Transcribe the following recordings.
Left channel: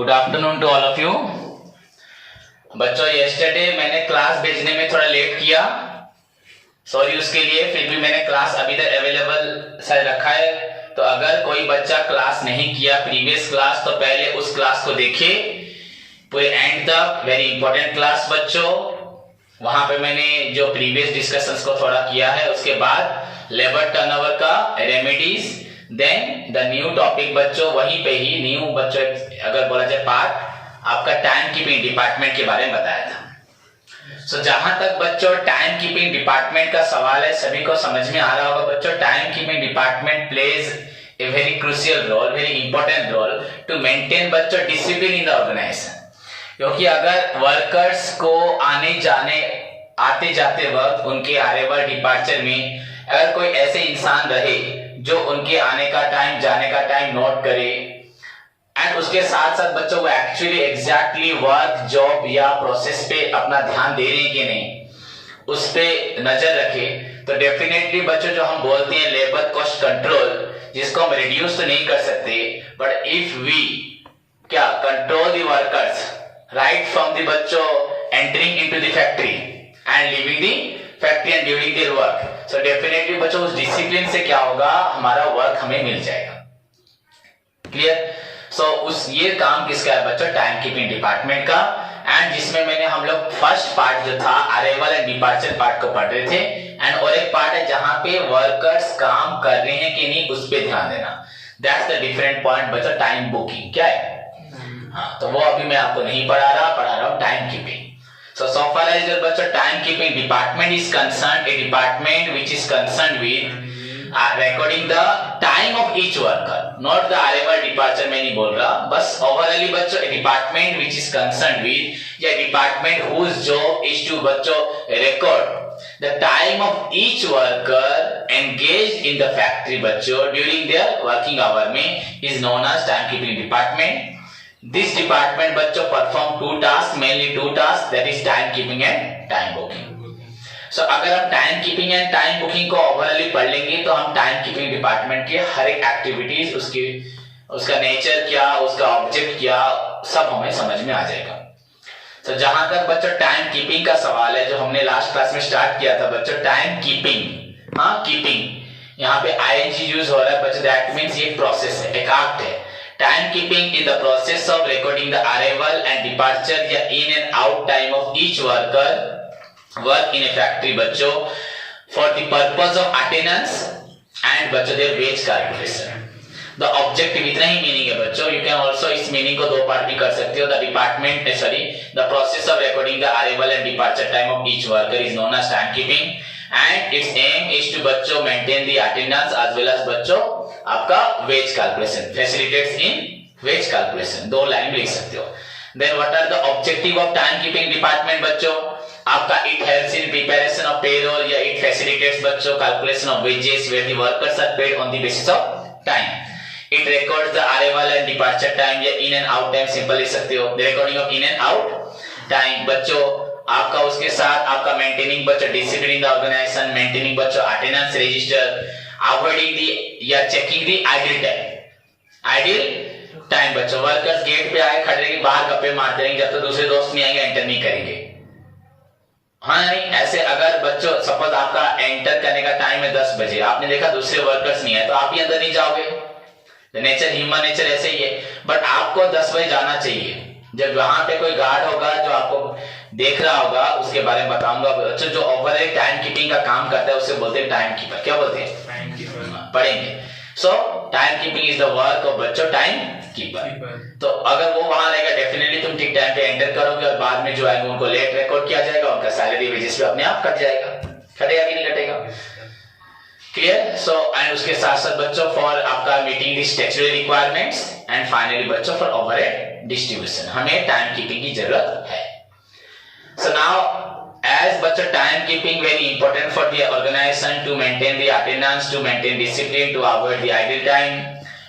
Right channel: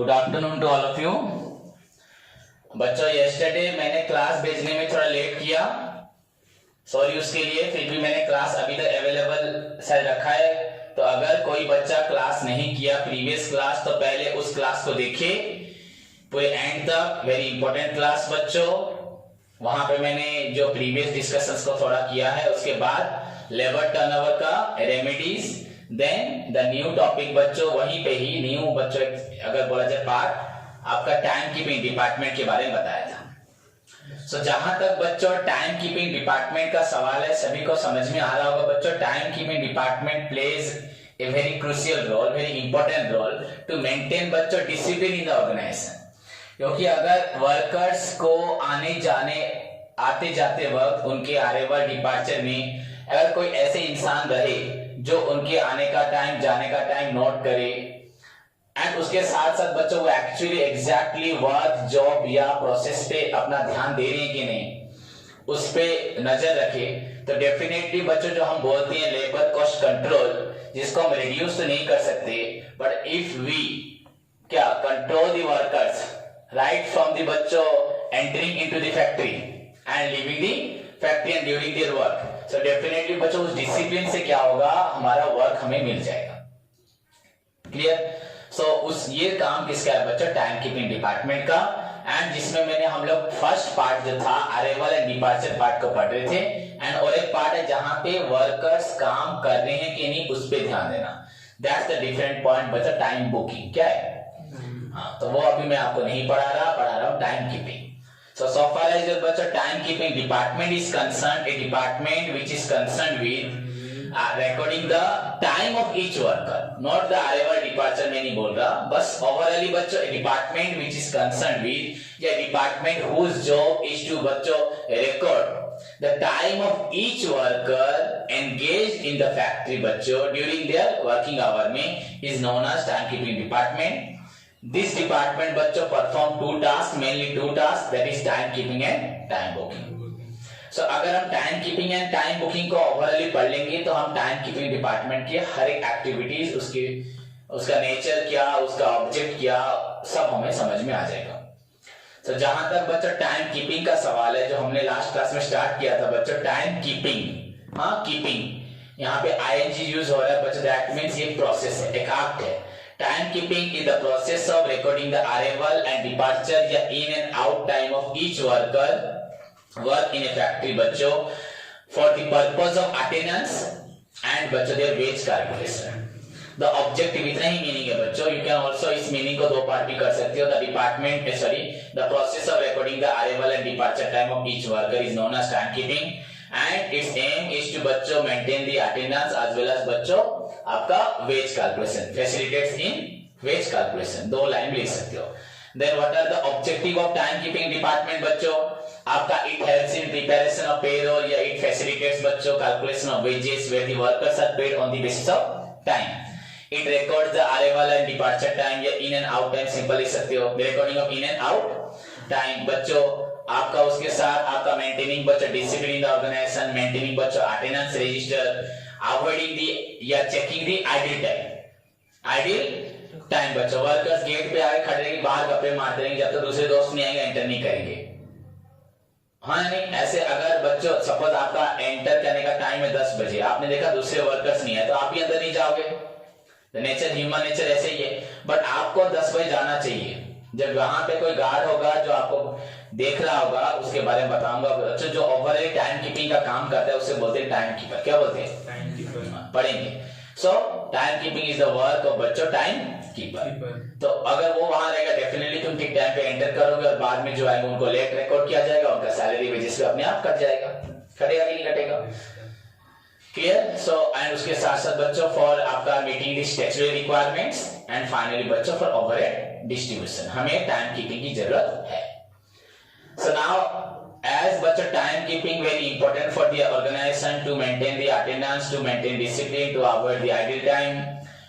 Good afternoon to all of you. बच्चों yesterday मैंने class भेजने में थोड़ा लेट किया, सॉरी उसके लिए। फिर भी मैंने क्लास अभी तक अवेलेबल शायद रखा है, तो अगर कोई बच्चा क्लास नहीं किया प्रीवियस क्लास तो पहले उस क्लास को देखिए पूरे एंड तक। वेरी इंपॉर्टेंट क्लास बच्चों, वहां पे मैंने जो प्रीवियस डिस्कशंस को थोड़ा किया है, उसके बाद लेबर टर्नओवर का remedies, then the new topic बच्चों, वहीं पे ही न्यू बच्चों अगर बोला जाए पार्ट आपका टाइम कीपिंग डिपार्टमेंट के बारे में बताया था। सो जहां तक बच्चों टाइम कीपिंग डिपार्टमेंट का सवाल है, सभी को समझ में आ रहा होगा बच्चों, time keeping department plays a very crucial role, very important role to maintain बच्चों डिसिप्लिन इन द ऑर्गेनाइजेशन। क्योंकि अगर वर्कर्स को आने जाने आते जाते वक्त उनके अराइवल डिपार्चर में अगर कोई ऐसे इंसान रहे जो उनके आने का टाइम जाने का टाइम नोट करे, एंड उसके साथ साथ बच्चों वो एक्चुअली एग्जैक्टली वर्क जॉब या प्रोसेस पे अपना ध्यान दे रहे हैं कि नहीं, उस पे नजर रखे, तो डेफिनेटली बच्चों जो हम बोलते हैं लेबर कॉस्ट कंट्रोल, जिसको हम रिड्यूस तो नहीं कर सकते, बट इफ वी क्या control the workers right from the बच्चों entering into the factory and leaving the factory and during their work, so definitely बच्चों उस डिसिप्लिन से क्या होगा, हमारा वर्क हमें मिल जाएगा। क्लियर? सो उस ये काम किसका है बच्चों, टाइम कीपिंग डिपार्टमेंट का। एंड जिसमें मैंने हम लोग फर्स्ट पार्ट जो था अराइवल एंड डिपार्चर पार्ट को पढ़ रहे थे, एंड और एक पार्ट है जहां पे वर्कर्स काम कर रहे हैं कि नहीं उस पे ध्यान देना। दैट्स द डिफरेंट पॉइंट बच्चों, टाइम बुकिंग क्या है। हाँ, तो वो अभी मैं आपको नहीं पढ़ा रहा हूं time keeping. So far as your बच्चों time keeping department is concerned, a department which is concerned with recording the time of each worker, not the arrival departure मैं नहीं बोल रहा, बस overall बच्चों a department which is concerned with या department whose job is to बच्चों record the time of each worker engaged in the factory बच्चों during their working hour में is known as time keeping department. This department बच्चों perform two tasks, mainly two tasks, that is time keeping and time booking. So अगर हम time keeping and time booking को ओवरऑली पढ़ लेंगे तो हम time keeping department के हर एक एक्टिविटीज, उसका नेचर क्या, उसका ऑब्जेक्ट क्या, सब हमें समझ में आ जाएगा। तो जहां तक बच्चों टाइम कीपिंग का सवाल है, जो हमने लास्ट क्लास में स्टार्ट किया था बच्चों, टाइम कीपिंग, हाँ कीपिंग, यहाँ पे ing यूज हो रहा है बच्चों, दैट मीन्स ये प्रोसेस है, एक एक्ट है। Time keeping is the process of recording the arrival and departure या in and out time of each worker work in a factory बच्चों for the purpose of attendance and बच्चों their wage calculation. The objective इतना ही meaning है बच्चों। You can also इस meaning को दो part भी कर सकते हो। The process of recording the arrival and departure time of each worker is known as time keeping and its aim is to बच्चों maintain the attendance as well as बच्चों आपका wage calculation, facilitates in wage calculation, दो line लिख सकते हो। Then what are the objective of time keeping department बच्चों, आपका it helps in preparation of payroll या इट फैसिलिटेट्स बच्चों calculation of wages where the workers are paid on the basis of time. It records the arrival and departure time या in and out time, simple लिख सकते हो, the recording of in and out time बच्चों। आपका उसके साथ आपका maintaining बच्चों discipline in the organisation, maintaining बच्चों अटेंडेंस रजिस्टर, अवॉइडिंग दी या चेकिंग दी आइडल टाइम बच्चों। वर्कर्स गेट पे आए खड़े रहेंगे, बाहर गप्पे मारते रहेंगे जब तक दूसरे दोस्त नहीं आएंगे, एंटर नहीं करेंगे। हाँ नहीं, ऐसे अगर बच्चों सपोज आपका एंटर करने का टाइम है 10 बजे, आपने देखा दूसरे वर्कर्स नहीं आए तो आप भी अंदर नहीं जाओगे। नेचर, ह्यूमन नेचर ऐसे ही है। बट आपको 10 बजे जाना चाहिए। जब वहां पे कोई गार्ड होगा जो आपको देख रहा होगा, उसके बारे में बताऊंगा बच्चों। जो ओवरऑल टाइम कीपिंग का काम करता है उसे बोलते हैं टाइम कीपर। क्या बोलते हैं? Time keeper. पढ़ेंगे। So time keeping is the work of बच्चों टाइम कीपर। तो अगर वो वहां रहेगा डेफिनेटली तुम ठीक टाइम पे एंटर करोगे, और बाद में जो आएंगे उनको लेट रिकॉर्ड किया जाएगा, उनका सैलरी वेजेस पे अपने आप कट जाएगा। कटेगा कि नहीं कटेगा? क्लियर? सो एंड उसके साथ साथ बच्चों फॉर आपका meeting the statutory requirements, and finally बच्चों फॉर ओवरहेड डिस्ट्रीब्यूशन हमें टाइम कीपिंग की जरूरत है। So now as बच्चों time keeping very important for the organization to maintain the attendance, to maintain discipline, to avoid the idle time,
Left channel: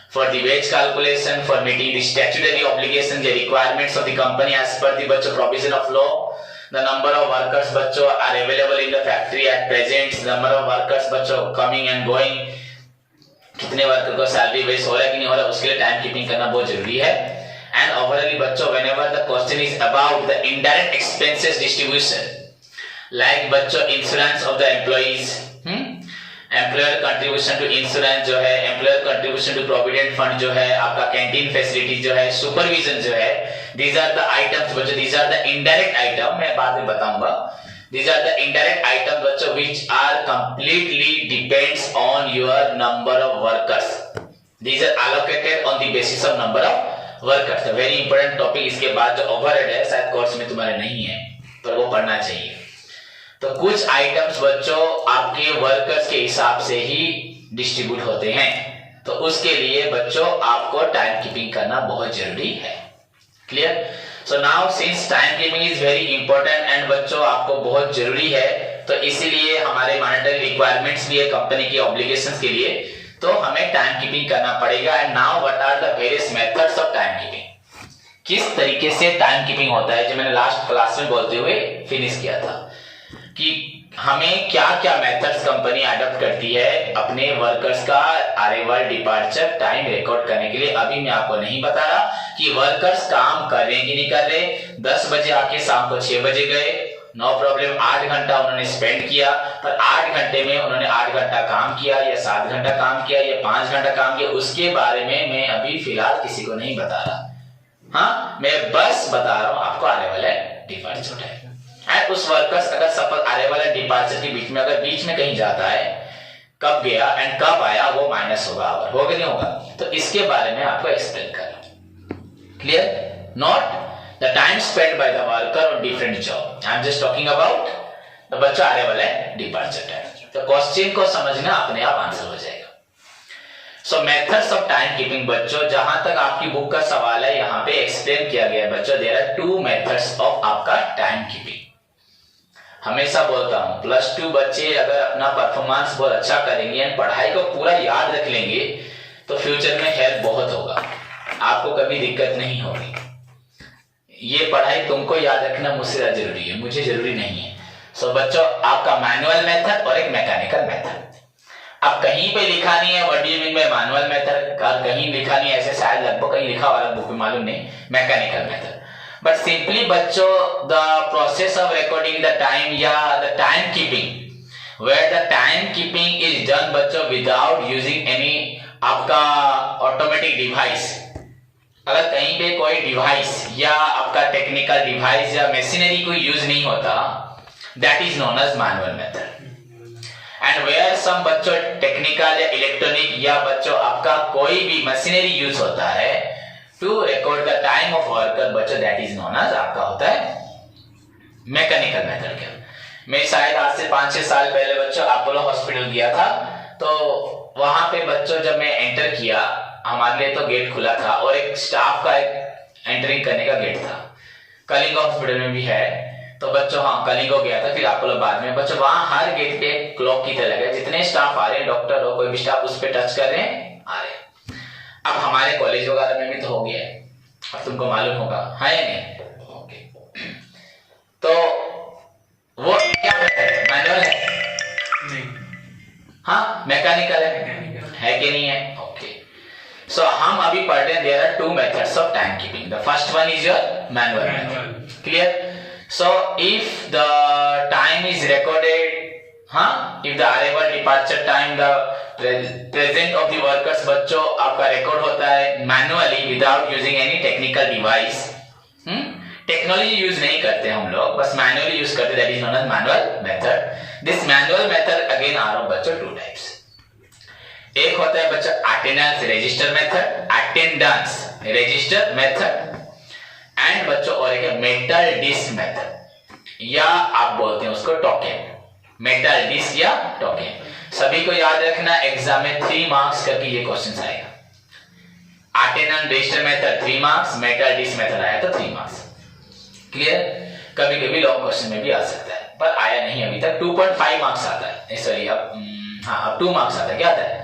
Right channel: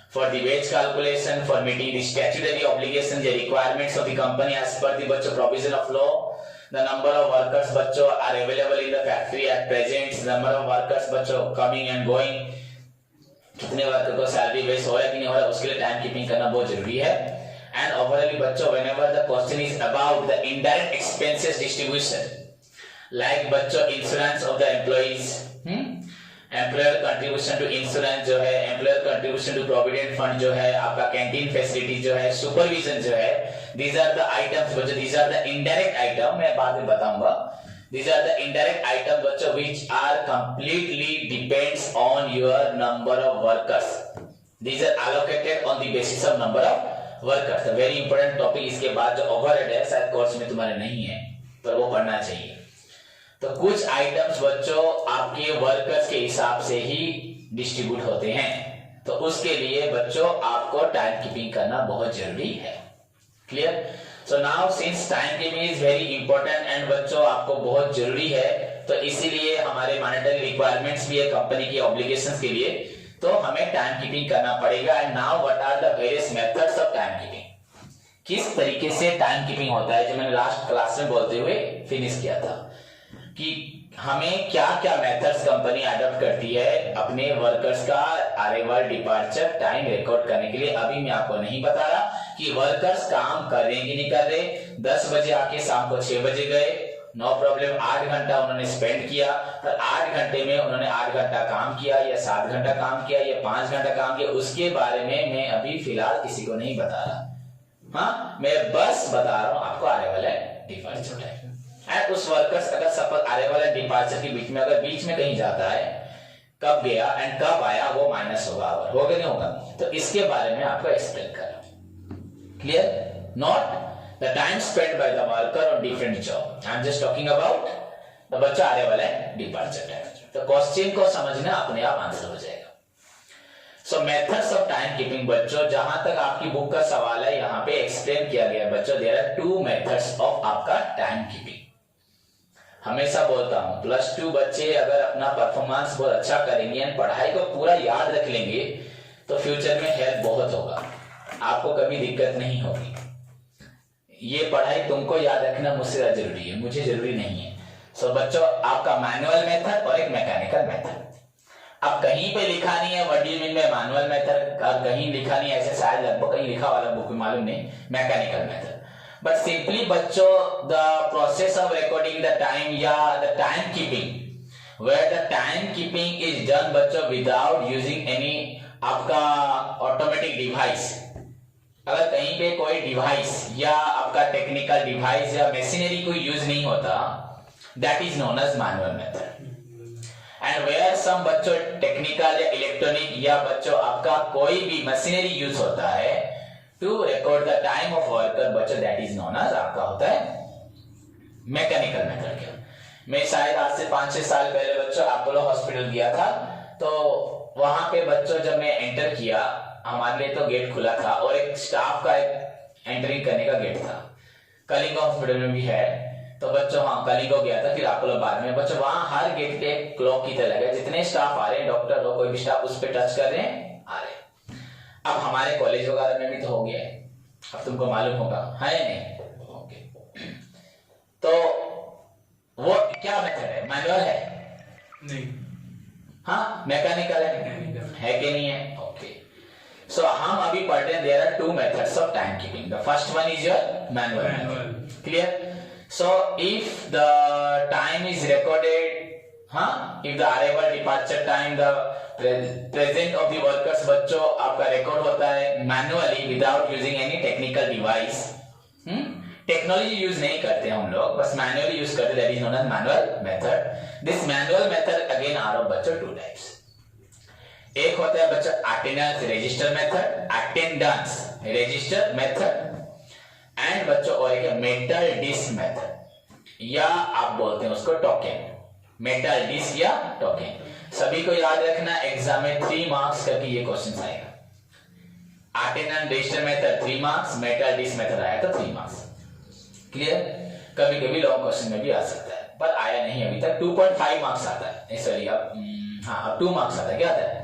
for the wage calculation, for meeting the statutory obligations, the requirements of the company as per the बच्चों provision of law. The number of workers बच्चों are available in the factory at present. The number of workers बच्चों coming and going, कितने worker को salary veg हो रहा है कि नहीं हो रहा, उसके लिए टाइम कीपिंग करना बहुत जरूरी है। एंड ओवरऑली बच्चों whenever the question is about the indirect expenses distribution, like बच्चों insurance of the employees, employer contribution to insurance जो है, employer contribution to provident fund जो है, आपका कैंटीन फैसिलिटी जो है, सुपरविजन जो है, दीज आर द आइटम्स बच्चों, these are the indirect item, मैं बाद में बताऊंगा। These are the indirect item बच्चों which are completely depends on your number of workers, these are allocated on the basis of number of workers. Very important topic. इसके बाद जो overhead है शायद कोर्स में तुम्हारे नहीं है पर वो पढ़ना चाहिए। तो कुछ आइटम्स बच्चों आपके वर्कर्स के हिसाब से ही डिस्ट्रीब्यूट होते हैं, तो उसके लिए बच्चों आपको टाइम कीपिंग करना बहुत जरूरी है। Clear? So now since time keeping is very important and बच्चों आपको बहुत जरूरी है, तो इसीलिए हमारे मॉनेटरी रिक्वायरमेंट्स भी है कंपनी की ऑब्लिगेशंस के लिए, तो हमें टाइम कीपिंग करना पड़ेगा। And now what are the various methods of time keeping, किस तरीके से टाइम कीपिंग होता है, जो मैंने लास्ट क्लास में बोलते हुए फिनिश किया था कि हमें क्या क्या मेथड्स कंपनी अडॉप्ट करती है अपने वर्कर्स का अराइवल डिपार्चर टाइम रिकॉर्ड करने के लिए। अभी मैं आपको नहीं बता रहा कि वर्कर्स काम कर रहे हैं कि नहीं कर रहे। 10 बजे आके शाम को 6 बजे गए, नो प्रॉब्लम, 8 घंटा उन्होंने स्पेंड किया, पर 8 घंटे में उन्होंने 8 घंटा काम किया या 7 घंटा काम किया या 5 घंटा काम किया, उसके बारे में मैं अभी फिलहाल किसी को नहीं बता रहा। हाँ, मैं बस बता रहा हूं आपको arrival and departure time. And उस वर्कर्स अगर सफल अराइवल एंड डिपार्चर के बीच में अगर बीच में कहीं जाता है, कब गया एंड कब आया, वो माइनस होगा, होगा नहीं होगा, तो इसके बारे में आपको एक्सप्लेन करना। Clear? Not the time spend by the worker on different job, I am just talking about the बच्चा अराइवल एंड डिपार्चर टाइम। तो क्वेश्चन को समझना अपने आप आंसर हो जाएगा। सो मेथड्स ऑफ टाइम कीपिंग बच्चों, जहां तक आपकी बुक का सवाल है यहाँ पे एक्सप्लेन किया गया है बच्चों। देयर आर 2 मेथड्स ऑफ आपका टाइम कीपिंग। हमेशा बोलता हूं +2 बच्चे अगर अपना परफॉर्मेंस बहुत अच्छा करेंगे एंड पढ़ाई को पूरा याद रख लेंगे तो फ्यूचर में हेल्प बहुत होगा, आपको कभी दिक्कत नहीं होगी। ये पढ़ाई तुमको याद रखना मुझसे ज्यादा जरूरी है, मुझे जरूरी नहीं है। सो बच्चों आपका मैनुअल मेथड और एक मैकेनिकल मेथड। अब कहीं पे लिखा नहीं है what do you mean by manual method, कहीं लिखा नहीं है, ऐसे शायद लगभग कहीं लिखा वाला बुक में मालूम नहीं, मैकेनिकल मेथड। But simply बच्चों the process of recording the time या the time keeping, where the time keeping is done बच्चों without using any आपका automatic device। अगर कहीं पे कोई डिवाइस या आपका टेक्निकल डिवाइस या मशीनरी कोई यूज नहीं होता, that is known as manual method। and where some बच्चों टेक्निकल या इलेक्ट्रॉनिक या बच्चों आपका कोई भी मशीनरी यूज होता है to record the time of worker बच्चों, that is known as आपका होता है मैकेनिकल मेथड के। मैं शायद आज से 5-6 साल पहले बच्चों अपोलो हॉस्पिटल गया था, तो वहां पे बच्चों जब मैं एंटर किया, हमारे लिए तो गेट खुला था और एक स्टाफ का एक एंटरिंग करने का गेट था। कलिंगो हॉस्पिटल में भी है, तो बच्चों हाँ कलिंगो गया था, फिर अपोलो बाद में। बच्चों वहां हर गेट पे क्लॉक की तरह लगा, जितने स्टाफ आ रहे हैं, डॉक्टर हो कोई भी स्टाफ, उस पर टच कर रहे हैं, आ रहे हैं। अब हमारे कॉलेज वगैरह में भी तो हो गया है, अब तुमको मालूम होगा, है या नहीं? ओके, तो वो क्या मेथड है? मैनुअल है? नहीं। हाँ, मैकेनिकल है कि नहीं है? ओके, सो हम अभी पढ़ रहे हैं there are 2 methods of time keeping. The first one is your manual method. Clear? So if the time is recorded, हाँ, if the arrival departure time the present of the workers बच्चों आपका record होता है manually without using any technical device. Technology use नहीं करते हम लोग, बस मैनुअली यूज करते, that is known as manual method. This manual method again are of बच्चों 2 टाइप्स। एक होता है बच्चों attendance register method, attendance register method, and बच्चों और एक मेटल डिस्क मेथड, या आप बोलते हैं उसको टोकन, मेटल डिस्क या टोकन। सभी को याद रखना, एग्जाम में 3 मार्क्स करके ये क्वेश्चन आएगा। Attendance register method 3 marks, metal disc method आया तो 3 मार्क्स। क्लियर? कभी कभी लॉन्ग क्वेश्चन में भी आ सकता है, पर आया नहीं अभी तक। 2.5 मार्क्स आता है, सॉरी अब 2 मार्क्स आता है। क्या आता है?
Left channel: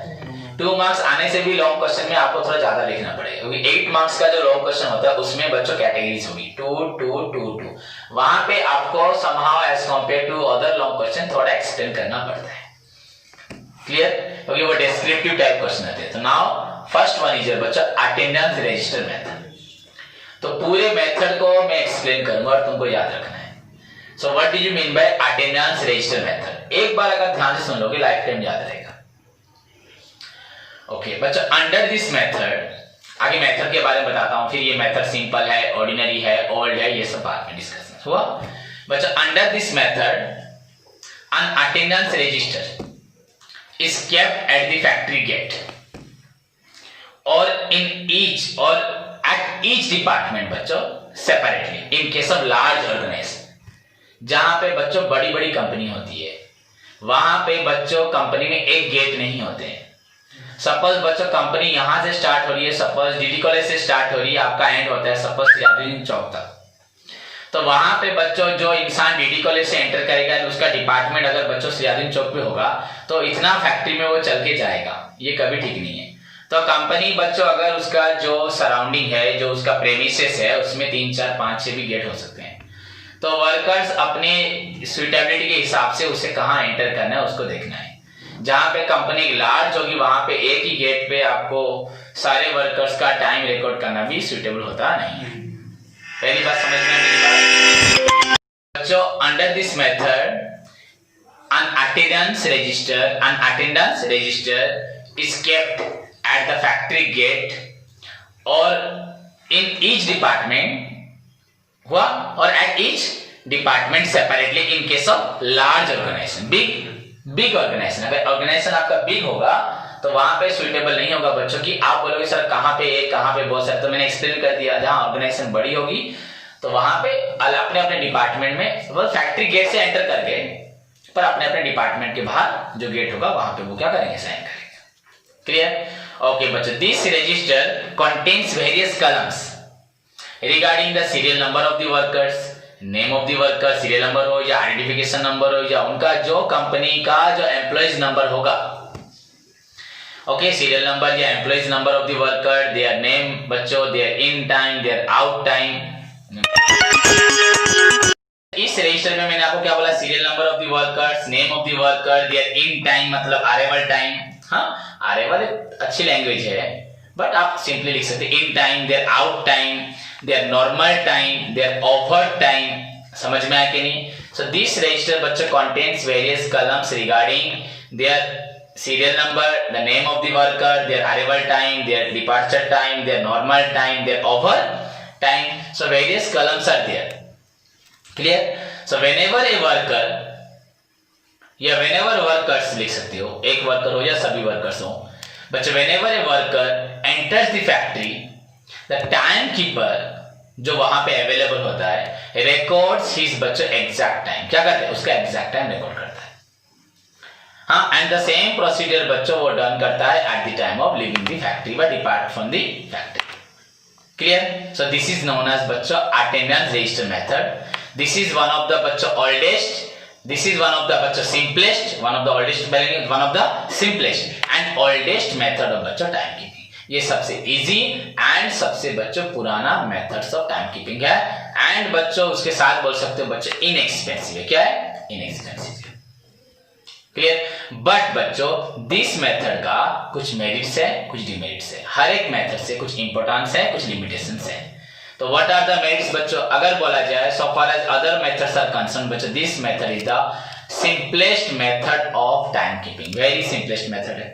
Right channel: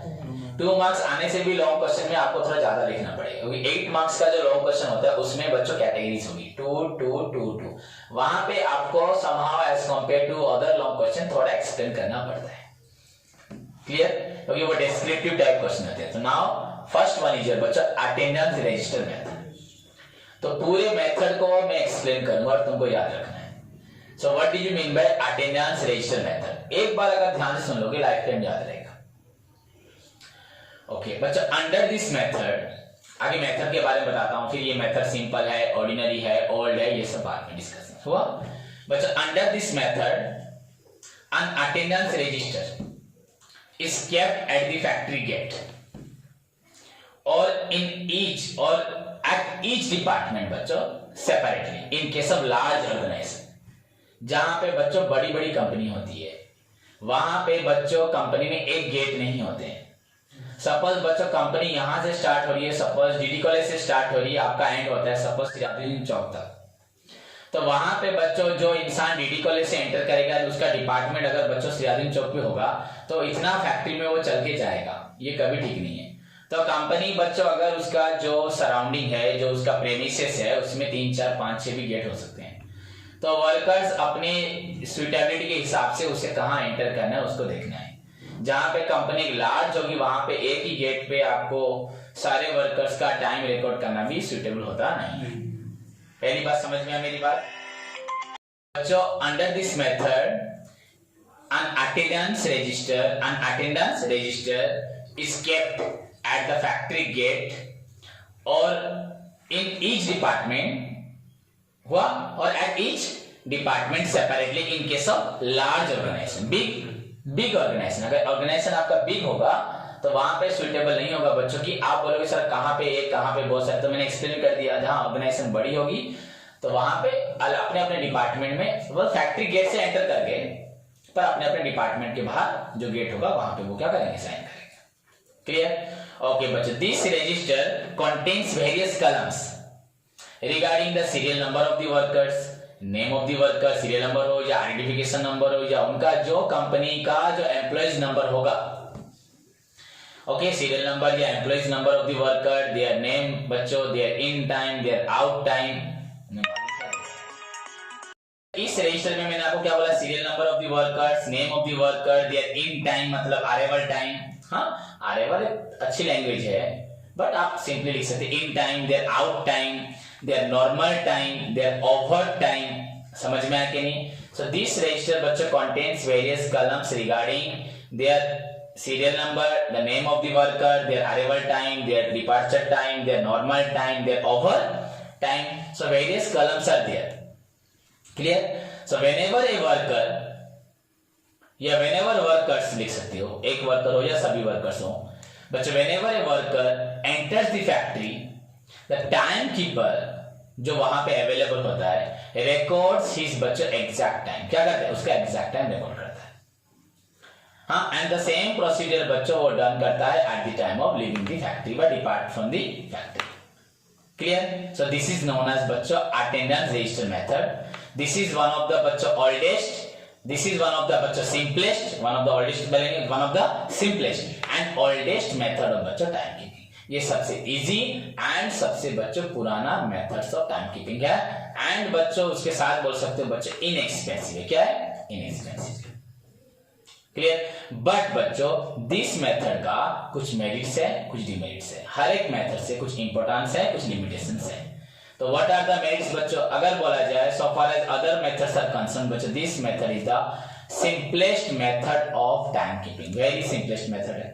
2 मार्क्स आने से भी लॉन्ग क्वेश्चन में आपको थोड़ा ज्यादा लिखना पड़ेगा, क्योंकि 8 मार्क्स का जो लॉन्ग क्वेश्चन होता है उसमें बच्चों कैटेगरीज होगी 2 2 2 2। वहां पे आपको somehow as compare to other long question थोड़ा एक्सप्लेन करना पड़ता है। क्लियर? क्योंकि वो डिस्क्रिप्टिव टाइप क्वेश्चन होते हैं। तो नाउ फर्स्ट वन इज बच्चा अटेंडेंस रजिस्टर मेथड। तो पूरे मेथड को मैं एक्सप्लेन करूंगा और तुमको याद रखना है। So what do you mean by attendance register method? एक बार अगर ध्यान से सुन लोगे लाइफ टाइम याद रहेगा। ओके बच्चों, अंडर दिस मेथड, आगे मेथड के बारे में बताता हूं, फिर ये मेथड सिंपल है, ऑर्डिनरी है, ओल्ड है, ये सब बाद में डिस्कस हुआ। बच्चों, under this method an attendance register is kept at the factory gate or in each or at each department बच्चों separately in case of large organization। जहां पे बच्चों बड़ी बड़ी कंपनी होती है वहां पे बच्चों कंपनी में एक गेट नहीं होते हैं। सपोज बच्चों कंपनी यहां से स्टार्ट हो रही है, सपोज डीडी कॉलेज से स्टार्ट हो रही है, आपका एंड होता है सपोज सियादुद्दीन चौक तक, तो वहां पे बच्चों जो इंसान डीडी कॉलेज से एंटर करेगा उसका डिपार्टमेंट अगर बच्चों सियादुद्दीन चौक पे होगा तो इतना फैक्ट्री में वो चल के जाएगा, ये कभी ठीक नहीं है। तो कंपनी बच्चों अगर उसका जो सराउंडिंग है, जो उसका प्रेमिसेस है, उसमें 3 4 5 6 भी गेट हो सकते हैं। तो वर्कर्स अपने सुइटेबिलिटी के हिसाब से उसे कहाँ एंटर करना है उसको देखना है। जहां पे कंपनी लार्ज होगी वहां पे एक ही गेट पे आपको सारे वर्कर्स का टाइम रिकॉर्ड करना भी सुइटेबल होता नहीं है। पहली बात समझ में मेरी बात बच्चों, under this method an attendance register is kept at the factory gate or in each department हुआ और at each department separately in case of large organization, big organization। अगर organization आपका big होगा तो वहां पे सुइटेबल नहीं होगा बच्चों की। आप बोलोगे सर कहां पे एक कहां पे बहुत सारे, तो मैंने एक्सप्लेन कर दिया। जहां ऑर्गेनाइजेशन बड़ी होगी तो वहां पे अपने अपने डिपार्टमेंट में वो फैक्ट्री गेट से एंटर करके पर अपने अपने डिपार्टमेंट के बाहर जो गेट होगा वहां पे वो क्या करेंगे, साइन करेंगे। क्लियर? ओके बच्चों, this register contains various columns regarding the serial number of the workers, name of the worker, serial number हो या आइडेंटिफिकेशन नंबर हो या उनका जो कंपनी का जो एम्प्लॉइज नंबर होगा। ओके, सीरियल नंबर या employees number of the worker, their name बच्चों, their in time, their out time. इस रजिस्टर में मैंने आपको क्या बोला, serial number of the workers, name of the worker, their in time मतलब अराइवल टाइम। हाँ, अराइवल अच्छी लैंग्वेज है बट आप सिंपली लिख सकते in time, their out time, their normal time, their over time. समझ में आया कि नहीं? सो दिस रजिस्टर बच्चों contains various columns regarding their serial number, the name of the worker, their arrival time, their departure time, their normal time, their over time. So various columns are there. Clear? So whenever a worker या whenever workers लिख सकते हो, एक worker हो या सभी workers हो बच्चों, whenever a worker enters the factory, the timekeeper जो वहां पे अवेलेबल होता है records his बच्चों exact time। क्या करते हैं? उसका exact time रिकॉर्ड करता है। हाँ, एंड द सेम प्रोसीजर बच्चों वो डन करता है at the time of leaving the factory व depart from the factory. Clear? So this is known as बच्चों attendance register method. This is one of the बच्चों oldest, this is one of the बच्चों simplest, one of the oldest, one of the simplest and oldest method of बच्चों time keeping. ये सबसे easy and सबसे बच्चों पुराना methods of time keeping है and बच्चों उसके साथ बोल सकते हो बच्चों इनएक्सपेंसिव है। क्या है? इनएक्सपेंसिव। क्लियर? बट बच्चों दिस मेथड का कुछ मेरिट्स है, कुछ डिमेरिट्स है। हर एक मेथड से कुछ इंपॉर्टेंस है, कुछ लिमिटेशंस है। तो व्हाट आर द मेरिट्स बच्चों? अगर बोला जाए so far as other methods are concern बच्चों, this method is the simplest method of time keeping, very simplest method है।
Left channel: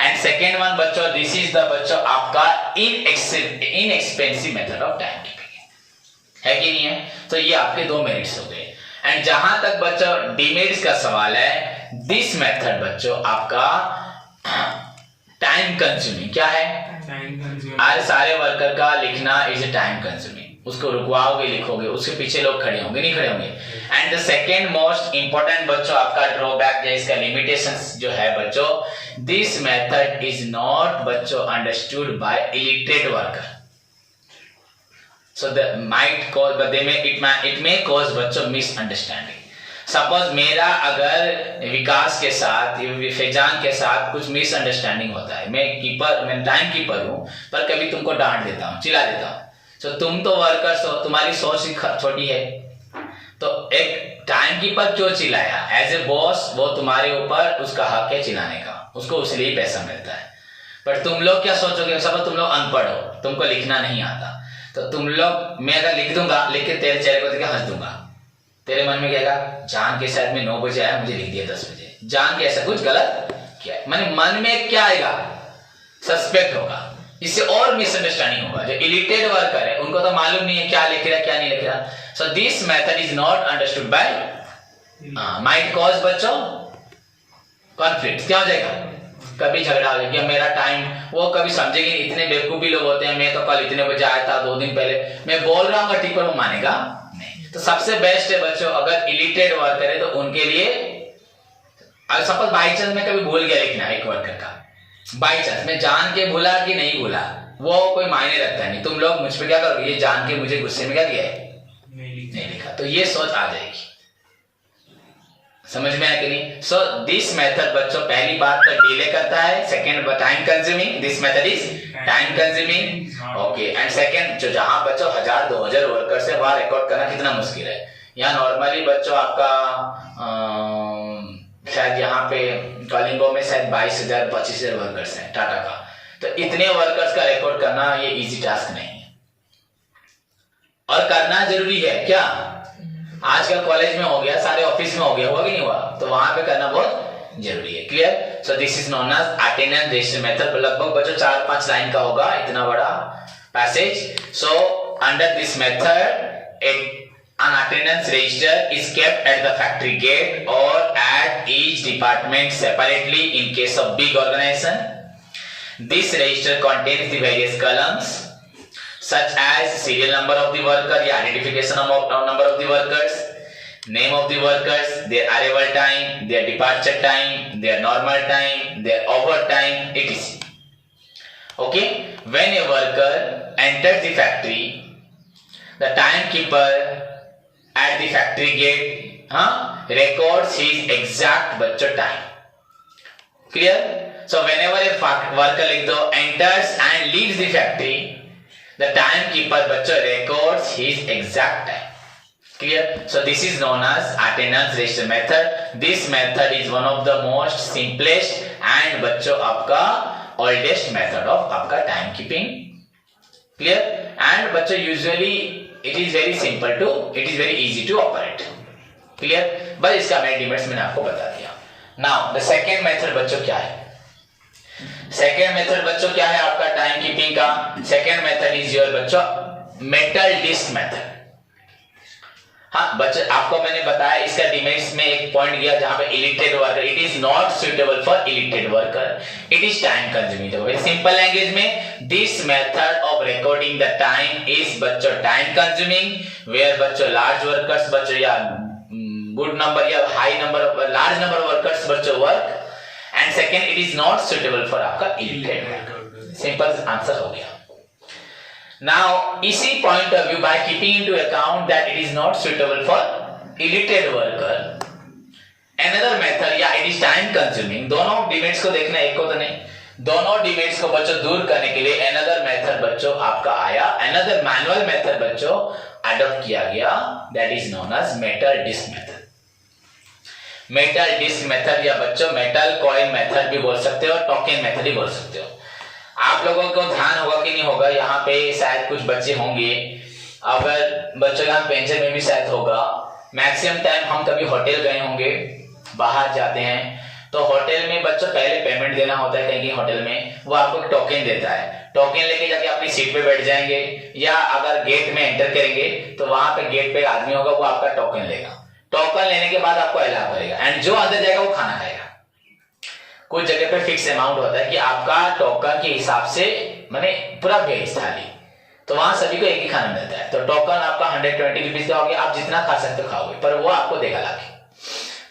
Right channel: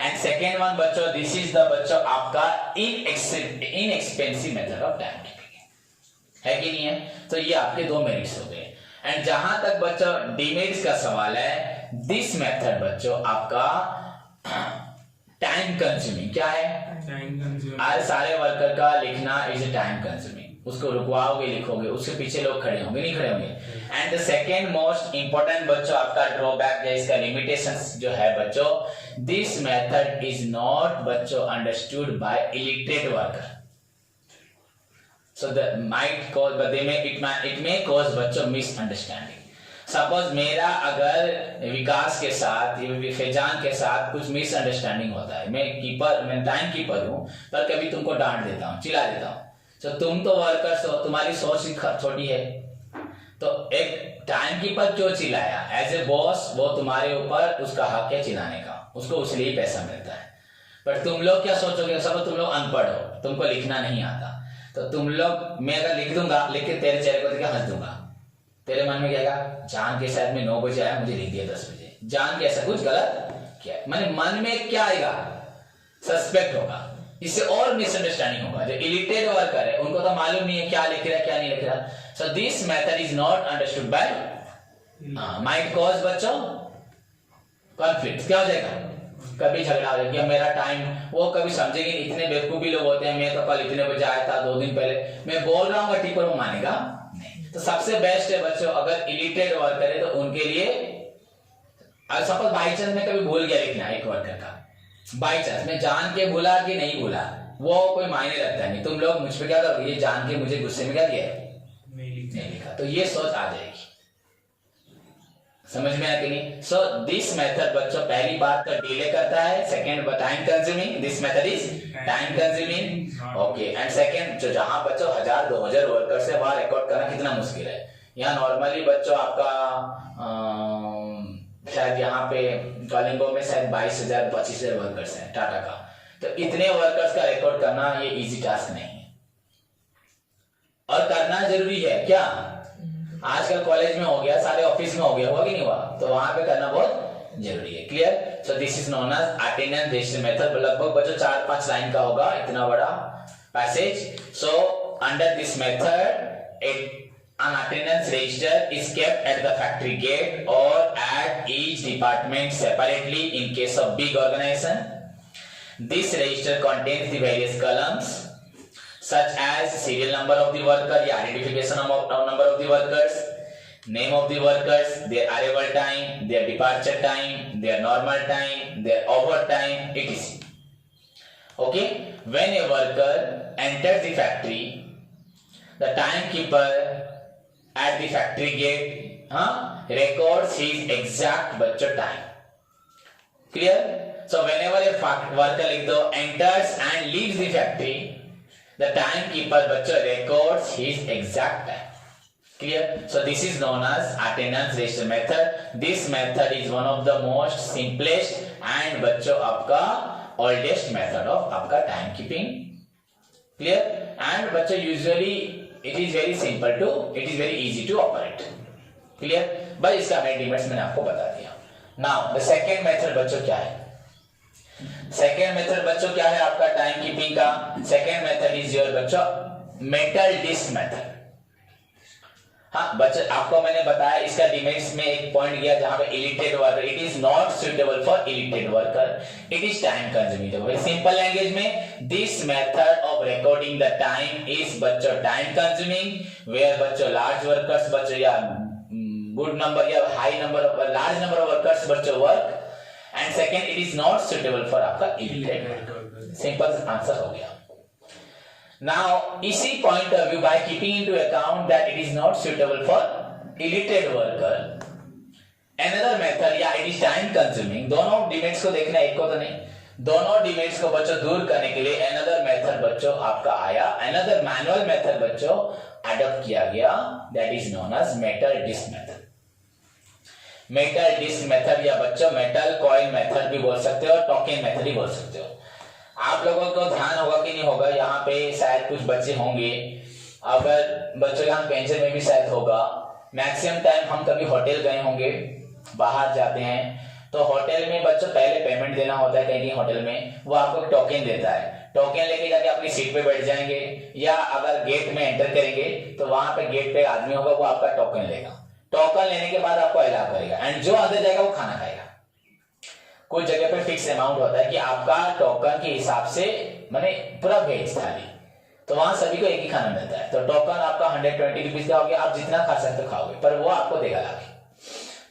एंड सेकेंड वन बच्चों, दिस इज द बच्चों आपका inexpensive method of time keeping है कि नहीं है? तो ये आपके दो मेरिट्स हो गए। एंड जहां तक बच्चों डिमेरिट्स का सवाल है, दिस मेथड बच्चों आपका टाइम कंज्यूमिंग। क्या है? आज सारे वर्कर का लिखना इज टाइम कंज्यूमिंग। उसको रुकवाओगे, लिखोगे, उसके पीछे लोग खड़े होंगे, नहीं खड़े होंगे। And the second most important बच्चों आपका ड्रॉबैक या इसका लिमिटेशंस जो है बच्चों, दिस मेथड इज नॉट बच्चों understood by illiterate worker. So the might cause, but it may cause बच्चों misunderstanding। सपोज मेरा अगर विकास के साथ, फैजान के साथ कुछ मिसअंडरस्टैंडिंग होता है, मैं टाइम कीपर हूँ पर कभी तुमको डांट देता हूँ, चिल्ला देता हूँ, तो तुम तो वर्कर्स हो, तुम्हारी सोच छोटी है, तो एक टाइम कीपर क्यों चिल्लाया? एज ए बॉस वो तुम्हारे ऊपर उसका हक है चिल्लाने का, उसको उसलिए पैसा मिलता है। पर तुम लोग क्या सोचोगे? सब तुम लोग अनपढ़ हो, तुमको लिखना नहीं आता, तो तुम लोग, मैं अगर लिख दूंगा, लिख के तेरे चेहरे को देख के हंस दूंगा, तेरे मन में क्या आएगा, जान के शायद में 9 बजे आया, मुझे लिख दिया 10 बजे, जान के ऐसा कुछ गलत किया है। माने मन में क्या आएगा, सस्पेक्ट होगा, इससे और मिसअंडरस्टैंडिंग होगा। जो इलिटेड वर्कर है उनको तो मालूम नहीं है क्या लिख रहा है क्या नहीं लिख रहा। So this method is not understood by might cause बच्चों कॉन्फ्लिक्ट। क्या हो जाएगा, कभी झगड़ा हो जाएगा, मेरा टाइम, वो कभी समझेंगे, इतने बेवकूफ भी लोग होते हैं, मैं तो कल इतने बजे आया था 2 दिन पहले, मैं बोल रहा हूँ ठीक, पर वो मानेगा नहीं। तो सबसे बेस्ट है बच्चों, अगर इलिटेड वर्कर है तो उनके लिए, अगर सपोज बाई चांस मैं कभी भूल गया लिखना एक वर्कर का, बाई चांस मैं जान के भूला कि नहीं भूला, वो कोई मायने रखता नहीं। तुम लोग मुझ पे क्या करोगे, ये जान के मुझे गुस्से में क्या किया है, नहीं लिखा, तो ये सोच आ जाएगी। समझ में आया कि नहीं? सो दिस मेथड बच्चों पहली बात तो डिले करता है, second time consuming, this method is time consuming, okay. And second, जो जहां बच्चों 1000-2000 वर्कर से वहां रिकॉर्ड करना कितना मुश्किल है। यहाँ नॉर्मली बच्चों आपका शायद यहाँ पे कलिंगो में शायद 22,000-25,000 वर्कर्स हैं टाटा का, तो इतने वर्कर्स का रिकॉर्ड करना ये इजी टास्क नहीं है, और करना जरूरी है। क्या आजकल कॉलेज में हो गया, सारे ऑफिस में हो गया, हुआ कि नहीं हुआ, तो वहां पे करना बहुत जरूरी है। Clear? So this is known as attendance register method. लगभग बच्चों 4-5 लाइन का होगा, इतना बड़ा passage. So under this method an attendance register is kept at the factory gate or at each department separately in case of big organization. This register contains the various columns such as serial number of the worker, या identification of number of the workers, name of the workers, their arrival time, their departure time, their normal time, their overtime, etc. Okay, when a worker enters the factory, the timekeeper at the factory gate records his exact bachcho time. Clear? So whenever a worker like though enters and leaves the factory, the timekeeper bachcho records his exact time. Clear? So this is known as attendance register method. This method is one of the most simplest and bachcho आपका oldest method of आपका time keeping. Clear? And bachcho usually it is very simple to, it is very easy to operate. Clear? बस इसका main demerits मैंने आपको बता दिया। Now the second method बच्चों क्या है? सेकेंड मेथड बच्चों क्या है आपका टाइम कीपिंग का? सेकेंड मेथड इज योर बच्चों मेटल डिस्क मेथड। हाँ बच्चों, आपको मैंने बताया इसका डिमेरिट्स में एक पॉइंट गया जहां पे illiterate worker, it is not suitable for illiterate worker, it is time consuming. Very simple language में, this method of recording the time is बच्चों टाइम कंज्यूमिंग, वेयर बच्चों लार्ज वर्कर्स बच्चों या गुड नंबर या high number of large number of workers बच्चों work, and second it is not suitable for आपका illiterate. Simple answer हो गया। Now, इसी point of view, by keeping into account that it is not suitable for illiterate worker, another method या it is time consuming, दोनों demerits को देखना, एक को तो नहीं, दोनों डिमेरिट्स को बच्चों दूर करने के लिए another method बच्चों आपका आया, another manual method बच्चों अडॉप्ट किया गया, that is known as metal disc method. metal disc method या बच्चों metal coin method भी बोल सकते हो, टोकन मेथड भी बोल सकते हो। आप लोगों को ध्यान होगा कि नहीं होगा, यहाँ पे शायद कुछ बच्चे होंगे, अगर बच्चों यहाँ पेंशन में भी शायद होगा, मैक्सिमम टाइम हम कभी होटल गए होंगे, बाहर जाते हैं तो होटल में बच्चों पहले पेमेंट देना होता है कहीं होटल में, वो आपको टोकन देता है, टोकन लेके जाके अपनी सीट पे बैठ जाएंगे, या अगर गेट में एंटर करेंगे तो वहां पे गेट पे आदमी होगा, वो आपका टोकन लेगा, टोकन लेने के बाद आपको अलाउ करेगा, एंड जो अंदर जाएगा वो खाना खाएगा। कुछ जगह पे फिक्स अमाउंट होता है कि आपका टोकन के हिसाब से, माने पूरा वेज थाली, तो वहां सभी को एक ही खाना मिलता है, तो टोकन आपका 120 रुपीज का हो गया, आप जितना खा सकते हो खाओगे, पर वो आपको देगा लाके,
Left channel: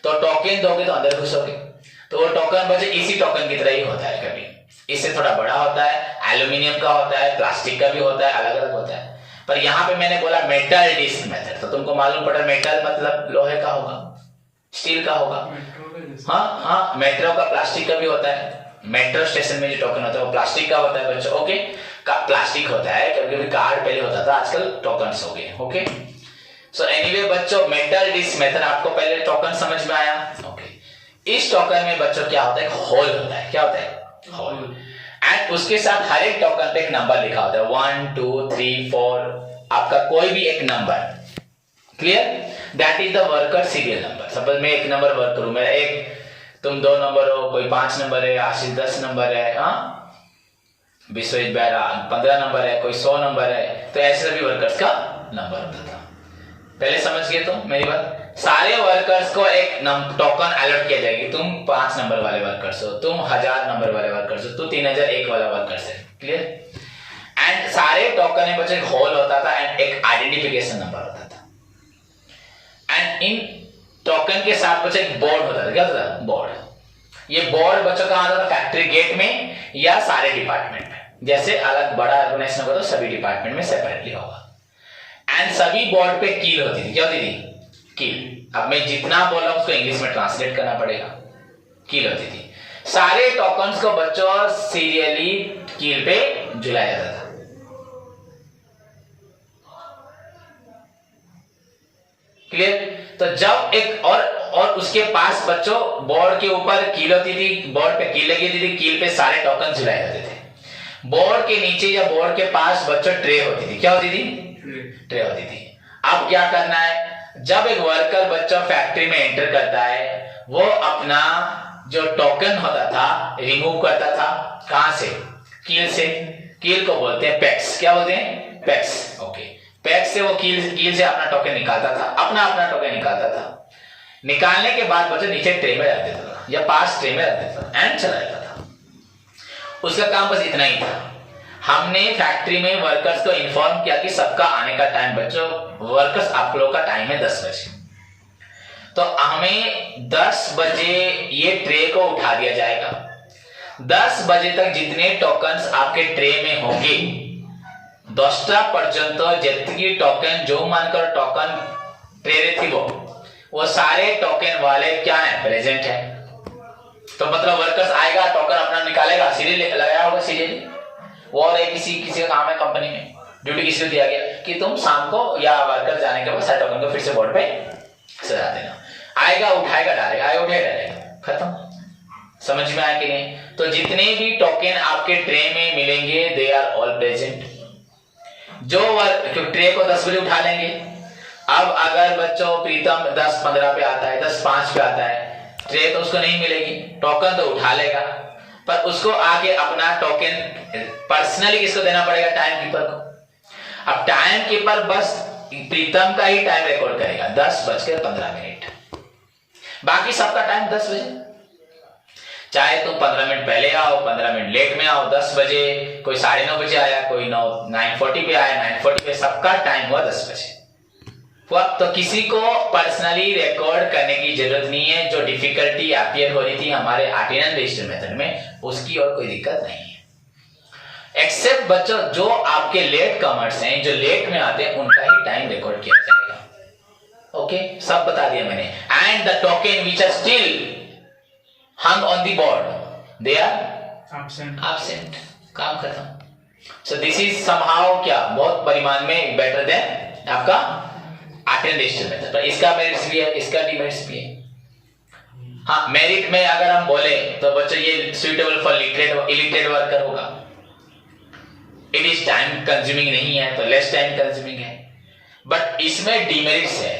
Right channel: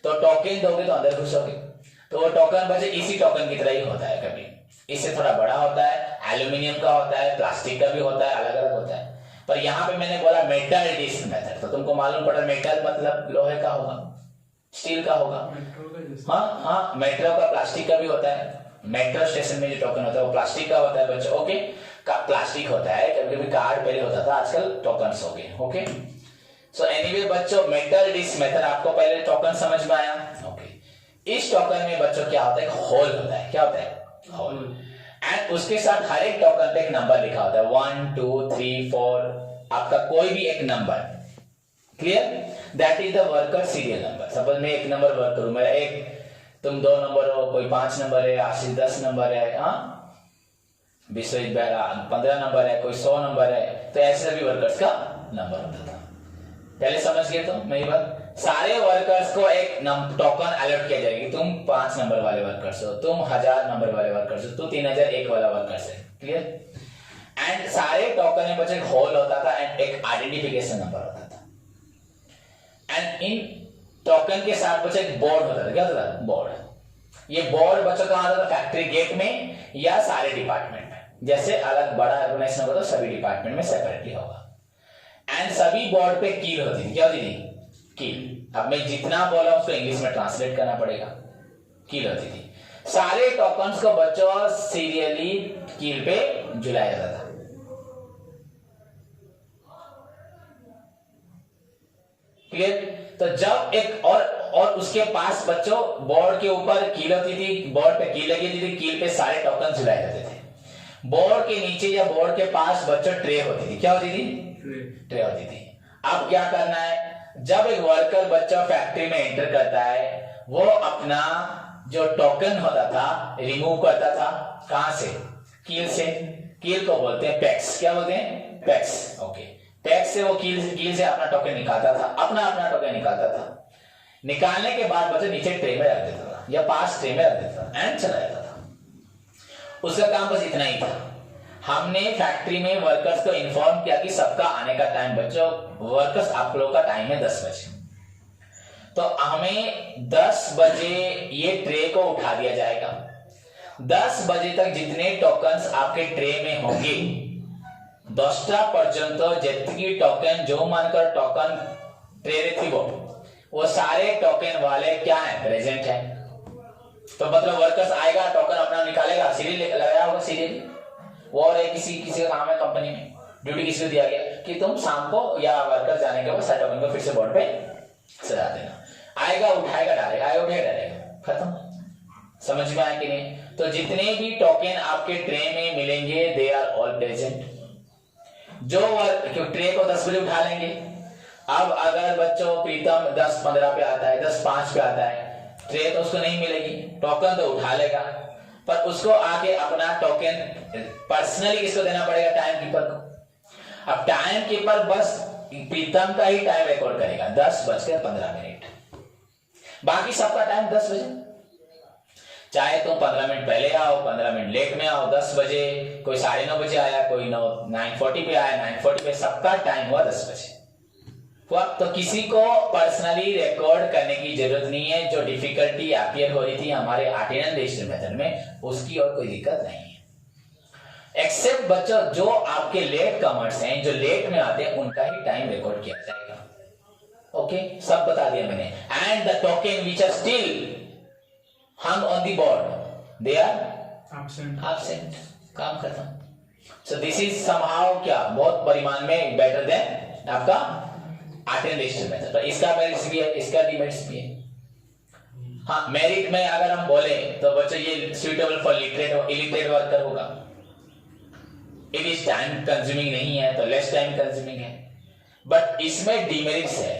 तो टोकन दोगे तो अंदर घुसोगे, तो वो टोकन बच्चे इसी टोकन की तरह ही होता है, कभी इससे थोड़ा बड़ा होता है, एल्यूमिनियम का होता है, प्लास्टिक का भी होता है, अलग अलग होता है। पर यहाँ पे मैंने बोला मेटल डिस्क मेथड, तो तुमको मालूम पड़ा मेटल मतलब लोहे का होगा, स्टील का होगा, हाँ हाँ, मेट्रो का प्लास्टिक का भी होता है, मेट्रो स्टेशन में जो टोकन होता है वो प्लास्टिक का होता है बच्चों, ओके, का प्लास्टिक होता है, कभी कभी कार्ड पहले होता था, आजकल टोकन्स हो गए, ओके। सो एनीवे बच्चों मेटल डिस्क मेथड, आपको पहले टोकन समझ में आया, ओके। इस टोकन में बच्चों क्या होता है, होल होता है, क्या होता है, होल, एंड उसके साथ हर एक टोकन पे एक नंबर लिखा होता है 1 2 3 4 आपका कोई भी एक number. Clear? That is the worker serial number. Suppose मैं एक नंबर वर्कर हूं, मेरा एक, तुम 2 नंबर हो, कोई 5 नंबर है, आशीष 10 नंबर है, विश्वजीत बेहरा 15 नंबर है, कोई 100 नंबर है, तो ऐसे सभी वर्कर्स का नंबर होता था। पहले समझ गए तुम मेरी बात? सारे वर्कर्स को एक टोकन अलॉट किया जाएगी। तुम 5 नंबर वाले वर्कर्स हो, तुम 1000 नंबर वाले वर्कर्स हो, तू 3001 वाला वर्कर्स है। क्लियर? एंड सारे टोकन में बच्चे एक होल होता था एंड एक आइडेंटिफिकेशन नंबर होता था। एंड इन टोकन के साथ बच्चे एक बोर्ड होता था। क्या होता था? बोर्ड। ये बोर्ड बच्चों कहां होता था? फैक्ट्री गेट में या सारे डिपार्टमेंट में। जैसे अलग बड़ा ऑर्गेनाइजेशन होगा तो सभी डिपार्टमेंट में सेपरेटली होगा। एंड सभी बोर्ड पे कील होती थी। क्या होती थी? कील। अब मैं जितना बोल रहा हूं उसको इंग्लिश में ट्रांसलेट करना पड़ेगा। कील होती थी। सारे टोकन्स को बच्चों सीरियली कील पे झुलाया जाता था। क्लियर? तो जब एक और उसके पास बच्चों बोर्ड के ऊपर कील होती थी, बोर्ड पे कील लगी होती थी, कील पे सारे टोकन झुलाए जाते थे। बोर्ड के नीचे या बोर्ड के पास बच्चों ट्रे होती थी। क्या होती थी? ट्रे होती थी। अब क्या करना है? जब एक वर्कर बच्चा फैक्ट्री में एंटर करता है, वो अपना जो टोकन होता था रिमूव करता था। कहां से? कील से। कील को बोलते हैं पैक्स। क्या बोलते हैं? पैक्स। ओके। पैक्स से वो कील से अपना टोकन निकालता था, अपना टोकन निकालता था। निकालने के बाद बच्चा नीचे ट्रे में रख देता था या पास ट्रे में रख देता था एंड चला जाता था। उसका काम बस इतना ही था। हमने फैक्ट्री में वर्कर्स को इन्फॉर्म किया कि सबका आने का टाइम बच्चों, वर्कर्स आप लोगों का टाइम है 10 बजे, तो हमें 10 बजे ये ट्रे को उठा दिया जाएगा। 10 बजे तक जितने टोकन्स आपके ट्रे में होंगे 10टा पर्यंत जितनी टोकन जो मानकर टोकन ट्रे थी वो सारे टोकन वाले क्या है? प्रेजेंट है। तो मतलब वर्कर्स आएगा, टोकन अपना निकालेगा, सीरियल लगाया होगा सीरियल। वो और किसी का काम है कंपनी में, ड्यूटी किसी को दिया गया कि तुम शाम को या वर्कर जाने के बाद सारे टोकन को फिर से बोर्ड पे सजा देना। आएगा, उठाएगा, डालेगा, आएगा, उठाएगा, डालेगा, खत्म। समझ में आया कि नहीं? तो जितने भी टोकन आपके ट्रे में मिलेंगे दे आर ऑल प्रेजेंट। जो ट्रे को 10 बजे उठा लेंगे। अब अगर बच्चों प्रीतम 10:15 पे आता है, 10:05 पे आता है, ट्रे तो उसको नहीं मिलेगी, टोकन तो उठा लेगा, पर उसको आके अपना टोकन पर्सनली किसको देना पड़ेगा? टाइम कीपर को। अब टाइम कीपर बस प्रीतम का ही टाइम रिकॉर्ड करेगा 10:15। बाकी सबका टाइम 10 बजे। चाहे तुम 15 मिनट पहले आओ, 15 मिनट लेट में आओ, 10 बजे, कोई 9:30 बजे आया, कोई 9:40 पे आया, 9:40 पे, सबका टाइम हुआ 10 बजे। तो किसी को पर्सनली रिकॉर्ड करने की जरूरत नहीं है। जो डिफिकल्टी अपीयर हो रही थी हमारे अटेंडेंस रजिस्टर मेथड में, उसकी और कोई दिक्कत नहीं है। एक्सेप्ट बच्चों जो आपके लेट कमर्स हैं, जो लेट में आते हैं, उनका ही टाइम रिकॉर्ड किया जाएगा। ओके, सब बता दिया मैंने। And the token which are still hung on the board, they are absent. काम खत्म। So this is somehow क्या बहुत परिमाण में better than आपका अटेंडेंस मेथड। तो इसका मेरिट्स भी है, इसका डिमेरिट्स भी है। हाँ, मेरिट में अगर हम बोले तो बच्चों ये suitable for illiterate वर्कर होगा। It is time consuming नहीं है तो less time consuming है। बट इसमें डिमेरिट्स है।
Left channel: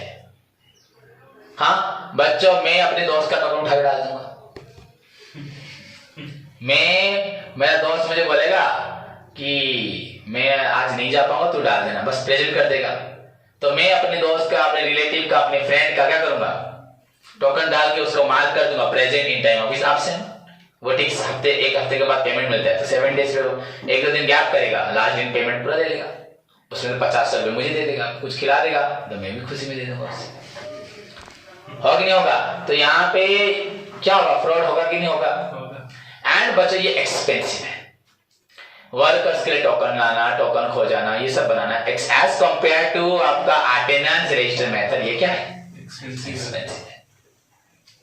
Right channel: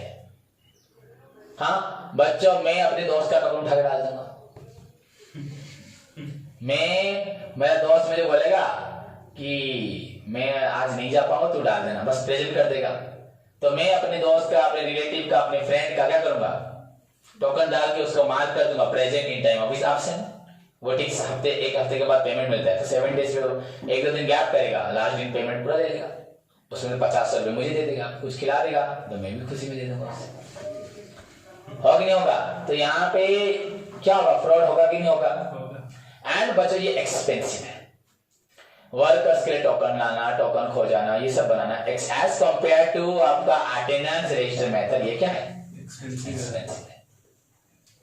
हाँ बच्चों, मैं अपने दोस्त का टोकन उठा के डाल दूंगा। मेरा दोस्त मुझे बोलेगा कि मैं आज नहीं जा पाऊंगा, तू डाल देना, बस प्रेजेंट कर देगा। तो मैं अपने दोस्त का, अपने रिलेटिव का, अपने फ्रेंड का क्या करूंगा? टोकन डाल के उसको मार्क कर दूंगा present in time of absent. वो ठीक एक हफ्ते के बाद पेमेंट मिलता है तो 7 डेज पे 1-2 दिन गैप करेगा, लास्ट दिन पेमेंट पूरा दे देगा। उसमें 50 रुपए मुझे दे देगा, कुछ खिला देगा तो मैं भी खुशी में दे दूंगा उससे। होगा कि नहीं होगा? तो यहाँ पे क्या होगा? फ्रॉड होगा कि नहीं होगा? एंड बच्चों ये एक्सपेंसिव है। वर्कर्स के लिए टोकन लाना, टोकन खो जाना, ये सब बनाना एज कंपेयर टू आपका अटेंडेंस रजिस्टर मेथड, ये क्या है? एक्सपेंसिव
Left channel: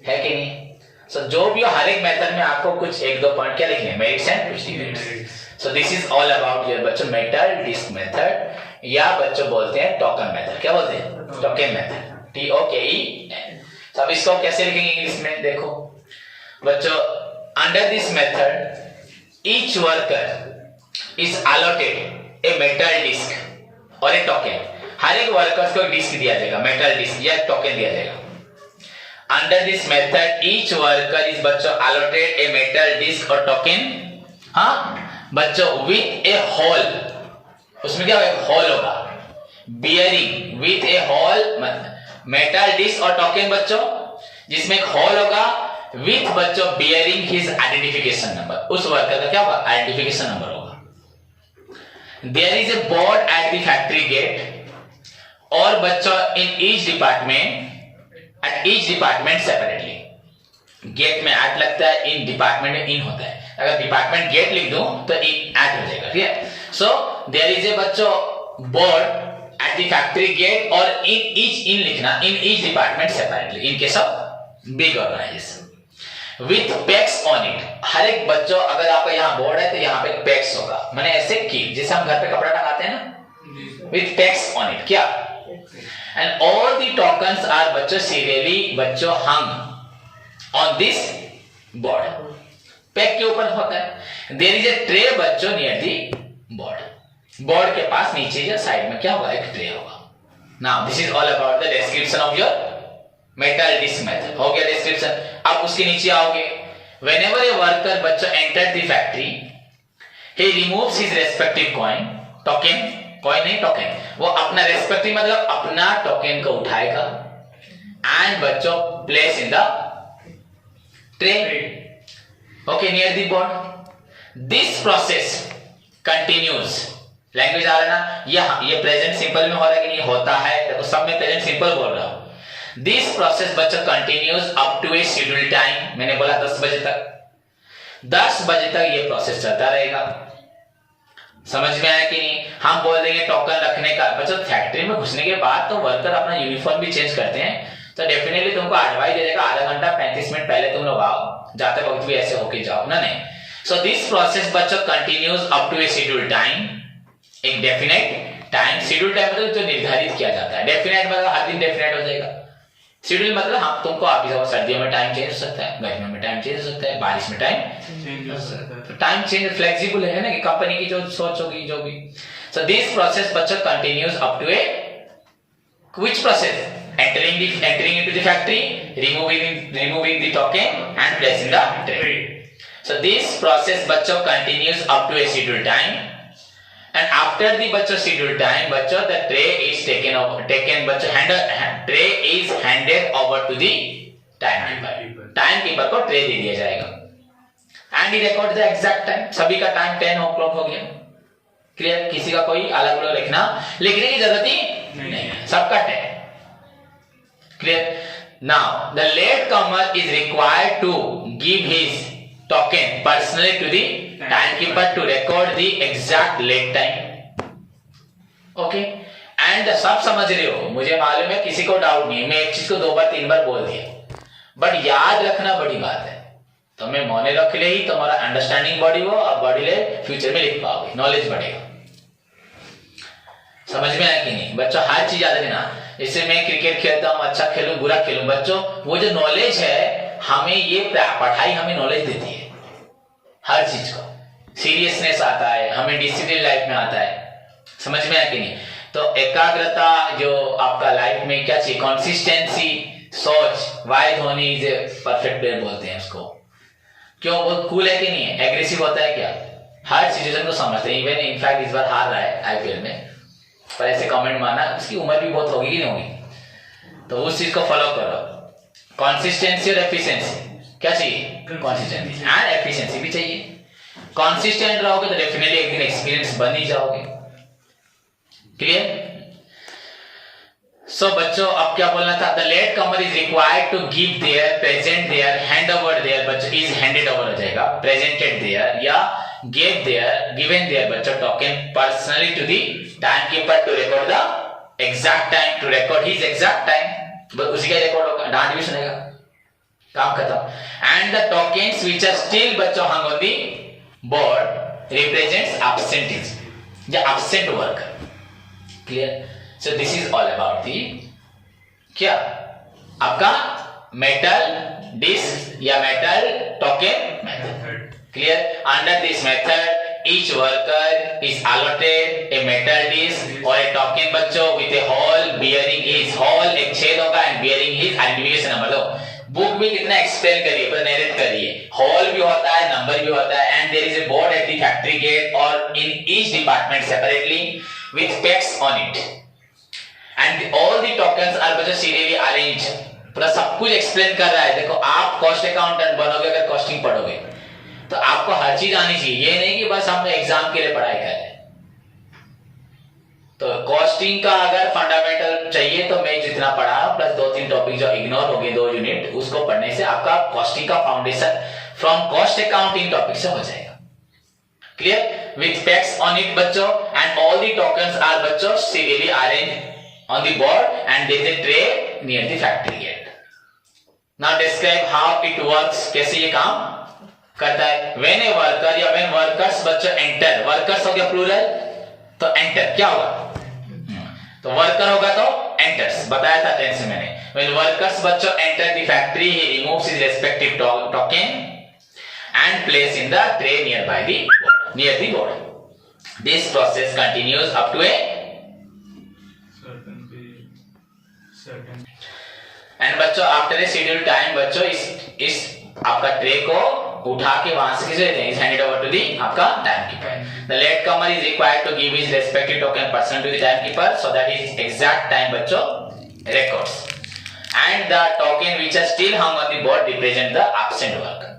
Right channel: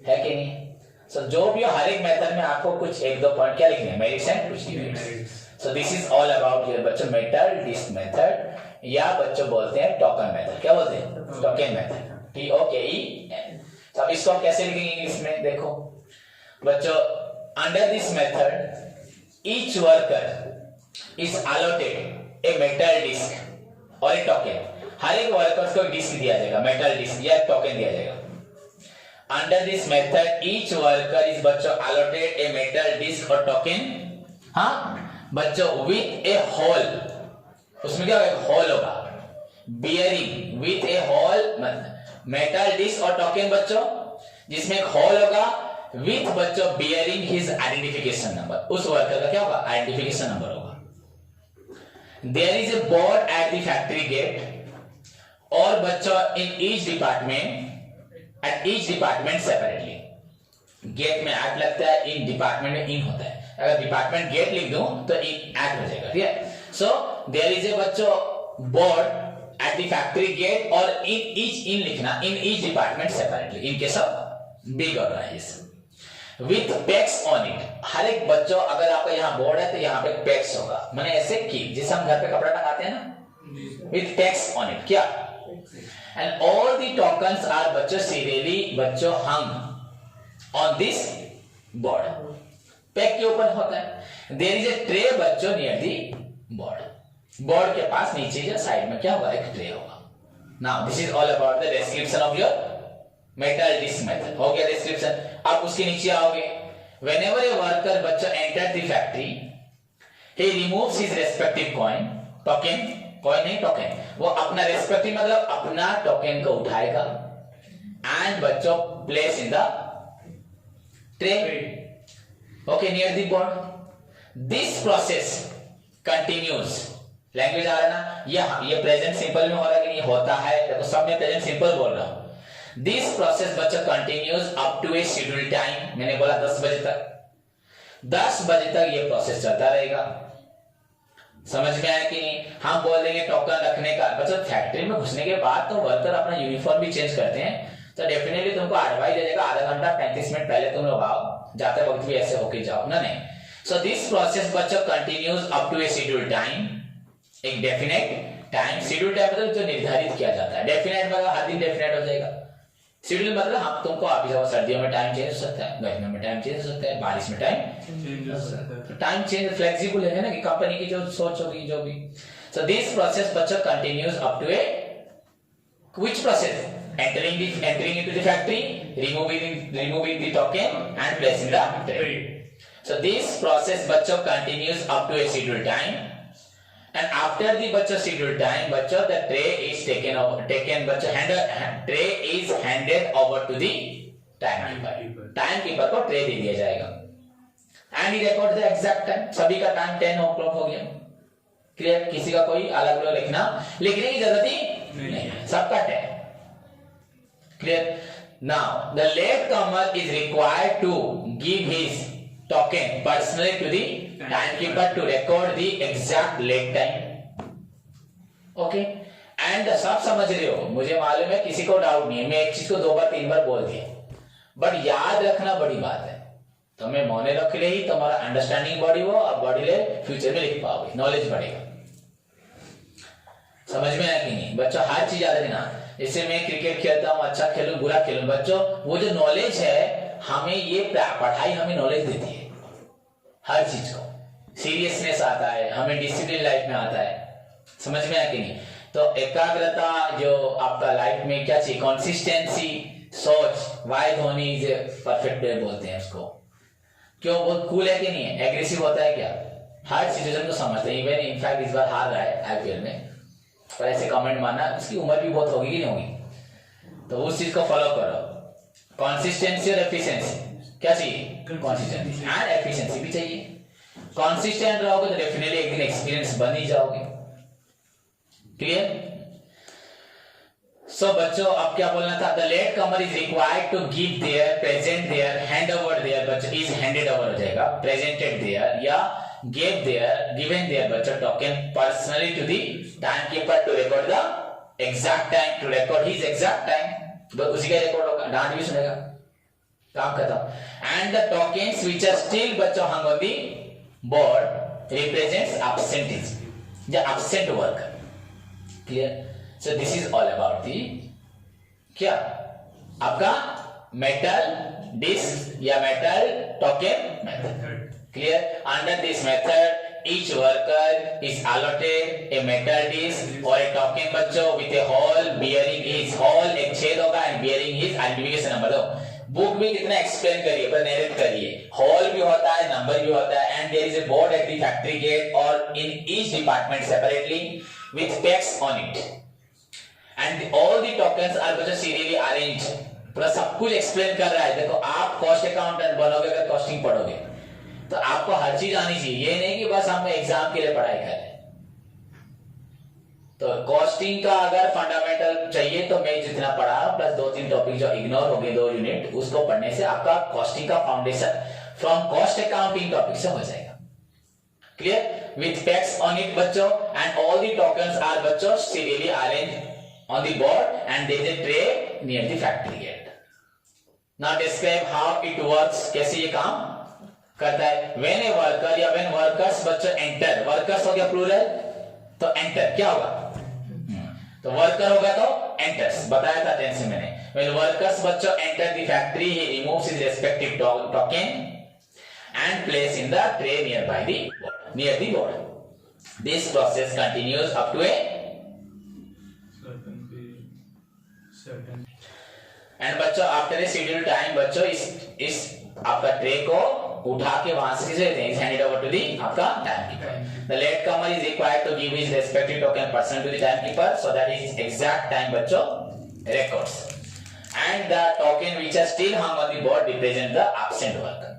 है कि नहीं? सो जो भी हर एक मेथड में आपको कुछ 1-2 पॉइंट क्या लिखने हैं? मेरिट्स एंड कुछ demerits. So this is all about your बच्चों मेटल डिस्क मेथड, या बच्चों बोलते हैं टोकन मेथड। क्या बोलते हैं? Token method, TOKEN। अब इसको कैसे लिखेंगे इंग्लिश में? देखो बच्चों, under this method each worker is allotted a metal disc और ए टोकन। हर एक वर्कर्स को एक डिस्क दिया जाएगा, मेटल डिस्क या टोकन दिया जाएगा। Under this method each worker is बच्चों अलॉटेड ए मेटल डिस्क और टोकन, हाँ बच्चों, विथ ए होल, उसमें क्या होगा, होल होगा, bearing with a hole, metal disc और टोकन बच्चों जिसमें एक होल होगा, विथ बच्चों बियरिंग हिज आइडेंटिफिकेशन नंबर, उस वर्कर का क्या होगा, आइडेंटिफिकेशन नंबर होगा। There is a board at the factory gate, और बच्चों in each department, at each department separately, gate में एट लगता है, इन डिपार्टमेंट में इन होता है, अगर डिपार्टमेंट गेट लिख दूं तो इन एट हो जाएगा, ठीक है। सो देयर इज ए बच्चों board at the factory gate और in each in लिखना, in each department separately in case of big organization with pegs on it। हर एक बच्चों अगर आपका यहाँ बोर्ड है तो यहाँ पे pegs होगा, मैंने ऐसे की जैसे हम घर पे कपड़ा टंगाते हैं ना, with pegs on it, क्या, and all the tokens are बच्चों serially बच्चों hung on this board, peg के ऊपर होता है। there is a tray बच्चों near the board, बोर्ड के पास नीचे जो साइड में क्या होगा, एक ट्रे होगा। Now this is all about the description of your metal disc method, हो गया डिस्क्रिप्शन। अब उसके नीचे आओगे, व्हेनेवर ए वर्कर बच्चों enter the factory he removes his respective coin, token, coin नहीं टोकन, वो अपना रेस्पेक्टिव मतलब अपना टोकन को उठाएगा एंड बच्चों place in the tray, okay, near the board. This process continues, language आ रहा है ना, ये प्रेजेंट सिंपल में हो रहा है कि नहीं, होता है, देखो सब में प्रेजेंट सिंपल बोल रहा हूं। दिस प्रोसेस बच्चों continues up to a schedule time, मैंने बोला 10 बजे तक, 10 बजे तक ये प्रोसेस चलता रहेगा। समझ में आया कि नहीं? हम बोल देंगे टोकन रखने का, बच्चों फैक्ट्री में घुसने के बाद तो वर्कर अपना यूनिफॉर्म भी चेंज करते हैं, तो डेफिनेटली तुमको एडवाइस दे देगा आधा घंटा 35 मिनट पहले तुम लोग आओ, जाते वक्त भी ऐसे होके जाओ ना, नहीं। सो दिस प्रोसेस बच्चों continues up to a schedule time, एक डेफिनेट टाइम, शेड्यूल टाइम मतलब जो निर्धारित किया जाता है, डेफिनेट मतलब हर दिन डेफिनेट हो जाएगा, शेड्यूल मतलब हम तुमको आप ही सर्दियों में टाइम चेंज हो सकता है, गर्मियों में टाइम चेंज हो सकता है, बारिश में टाइम चेंज हो सकता है, टाइम चेंज फ्लेक्सिबल है ना, कि कंपनी की जो सोच होगी जो भी। सो दिस प्रोसेस बच्चों continues up to a which process, entering into the factory, removing the token and placing the tray. So this process बच्चों continues up to a scheduled time, and after the बच्चों scheduled time बच्चों the tray is taken बच्चों tray is handed over to the timekeeper को tray दे दिया जाएगा, and he records the exact time, सभी का time 10 o'clock हो गया, क्लियर, किसी का कोई अलग अलग लिखने की जरूरत ही नहीं है, सबका time clear. Now the latecomer is required to give his token personally to the timekeeper to record the exact late time. Okay, and सब समझ रहे हो, मुझे मालूम है किसी को डाउट नहीं है, मैं एक चीज को 2 बार 3 बार बोल दिया, बट याद रखना बड़ी बात है, तो मैं मौने रख ले ही तुम्हारा अंडरस्टैंडिंग बॉडी हो और बॉडी ले फ्यूचर में लिख पाओगे, नॉलेज बढ़ेगा। समझ में आया कि नहीं बच्चों? हर चीज याद रखना, जैसे मैं क्रिकेट खेलता हूँ, अच्छा खेलूं बुरा खेलूं, बच्चों वो जो नॉलेज है हमें, ये पढ़ाई हमें नॉलेज देती है, हर चीज को सीरियसनेस आता है, हमें डिसिप्लिन लाइफ में आता है, समझ में आया कि नहीं? तो एकाग्रता जो आपका लाइफ में क्या चाहिए, कंसिस्टेंसी, सोच, why Dhoni is a perfect player बोलते हैं उसको, क्यों, वो कूल है कि नहीं है, एग्रेसिव होता है क्या, हर सिचुएशन को समझते हैं, इवन इनफैक्ट इस बार हार रहा है आईपीएल में, पर ऐसे कमेंट मारना, उसकी उम्र भी बहुत होगी कि नहीं होगी, तो उस चीज को फॉलो करो, कंसिस्टेंसी और एफिशिएंसी, क्या चाहिए, कंसिस्टेंसी एंड एफिशिएंसी भी चाहिए, कंसिस्टेंट रहोगे तो डेफिनेटली एक दिन एक्सपीरियंस बन ही जाओगे, क्लियर? सो बच्चों अब क्या बोलना था, the late comer is required to give their, present their, hand over their, बच्चों इज हैंडेड ओवर हो जाएगा, प्रेजेंटेड देयर या gave their, given their बच्चों token personally to the timekeeper to record the exact time, to record his exact time, बस उसी का record होगा, डांट भी सुनेगा, काम खत्म। and the tokens which are still बच्चों hung on the board represents absentees, the absent worker, clear? so this is all about the क्या आपका मेटल डिस्क या metal token method, Clear? Under this method, each worker is allotted a metal disc or a token बच्चों with a hole bearing his hole, एक छेद होगा and bearing his identification number. दो book भी कितना explain करिए, पर नरेट करिए. हॉल भी होता है, नंबर भी होता है, and there is a board at the factory gate or in each department separately with pegs on it. And all the tokens are बच्चों serially arranged. पूरा सब कुछ एक्सप्लेन कर रहा है. देखो आप कॉस्ट अकाउंटेंट बनोगे अगर कॉस्टिंग पढ़ोगे तो आपको हर चीज आनी चाहिए. ये नहीं कि बस हम एग्जाम के लिए पढ़ाई करें. तो कॉस्टिंग का अगर फंडामेंटल चाहिए तो मैं जितना पढ़ा प्लस 2-3 टॉपिक जो इग्नोर हो गए 2 यूनिट, उसको पढ़ने से आपका कॉस्टिंग का foundation from cost accounting topic से हो जाएगा. Clear? With pegs on it बच्चों and all the tokens are बच्चों serially arranged on the board and there is a tray near the factory gate. Now describe how it works. कैसे ये काम करता है. व्हेन ए वर्कर या when workers बच्चों enter, workers हो गया प्लूरल तो एंटर क्या होगा, तो वर्कर होगा तो एंटर्स, बताया था टेंस में मैंने. व्हेन वर्कर्स बच्चों enter the factory he removes his respective token and place in the tray near the board. This process continues up to a end बच्चों आफ्टर ए शेड्यूल्ड टाइम बच्चों इस आपका tray को उठा के वहां से किसे देते हैं, हैंड ओवर टू दी आपका timekeeper. The late comer is required to give his respective token person to the timekeeper so that his exact time बच्चों records and the token which are still hung on the board represent the absent worker.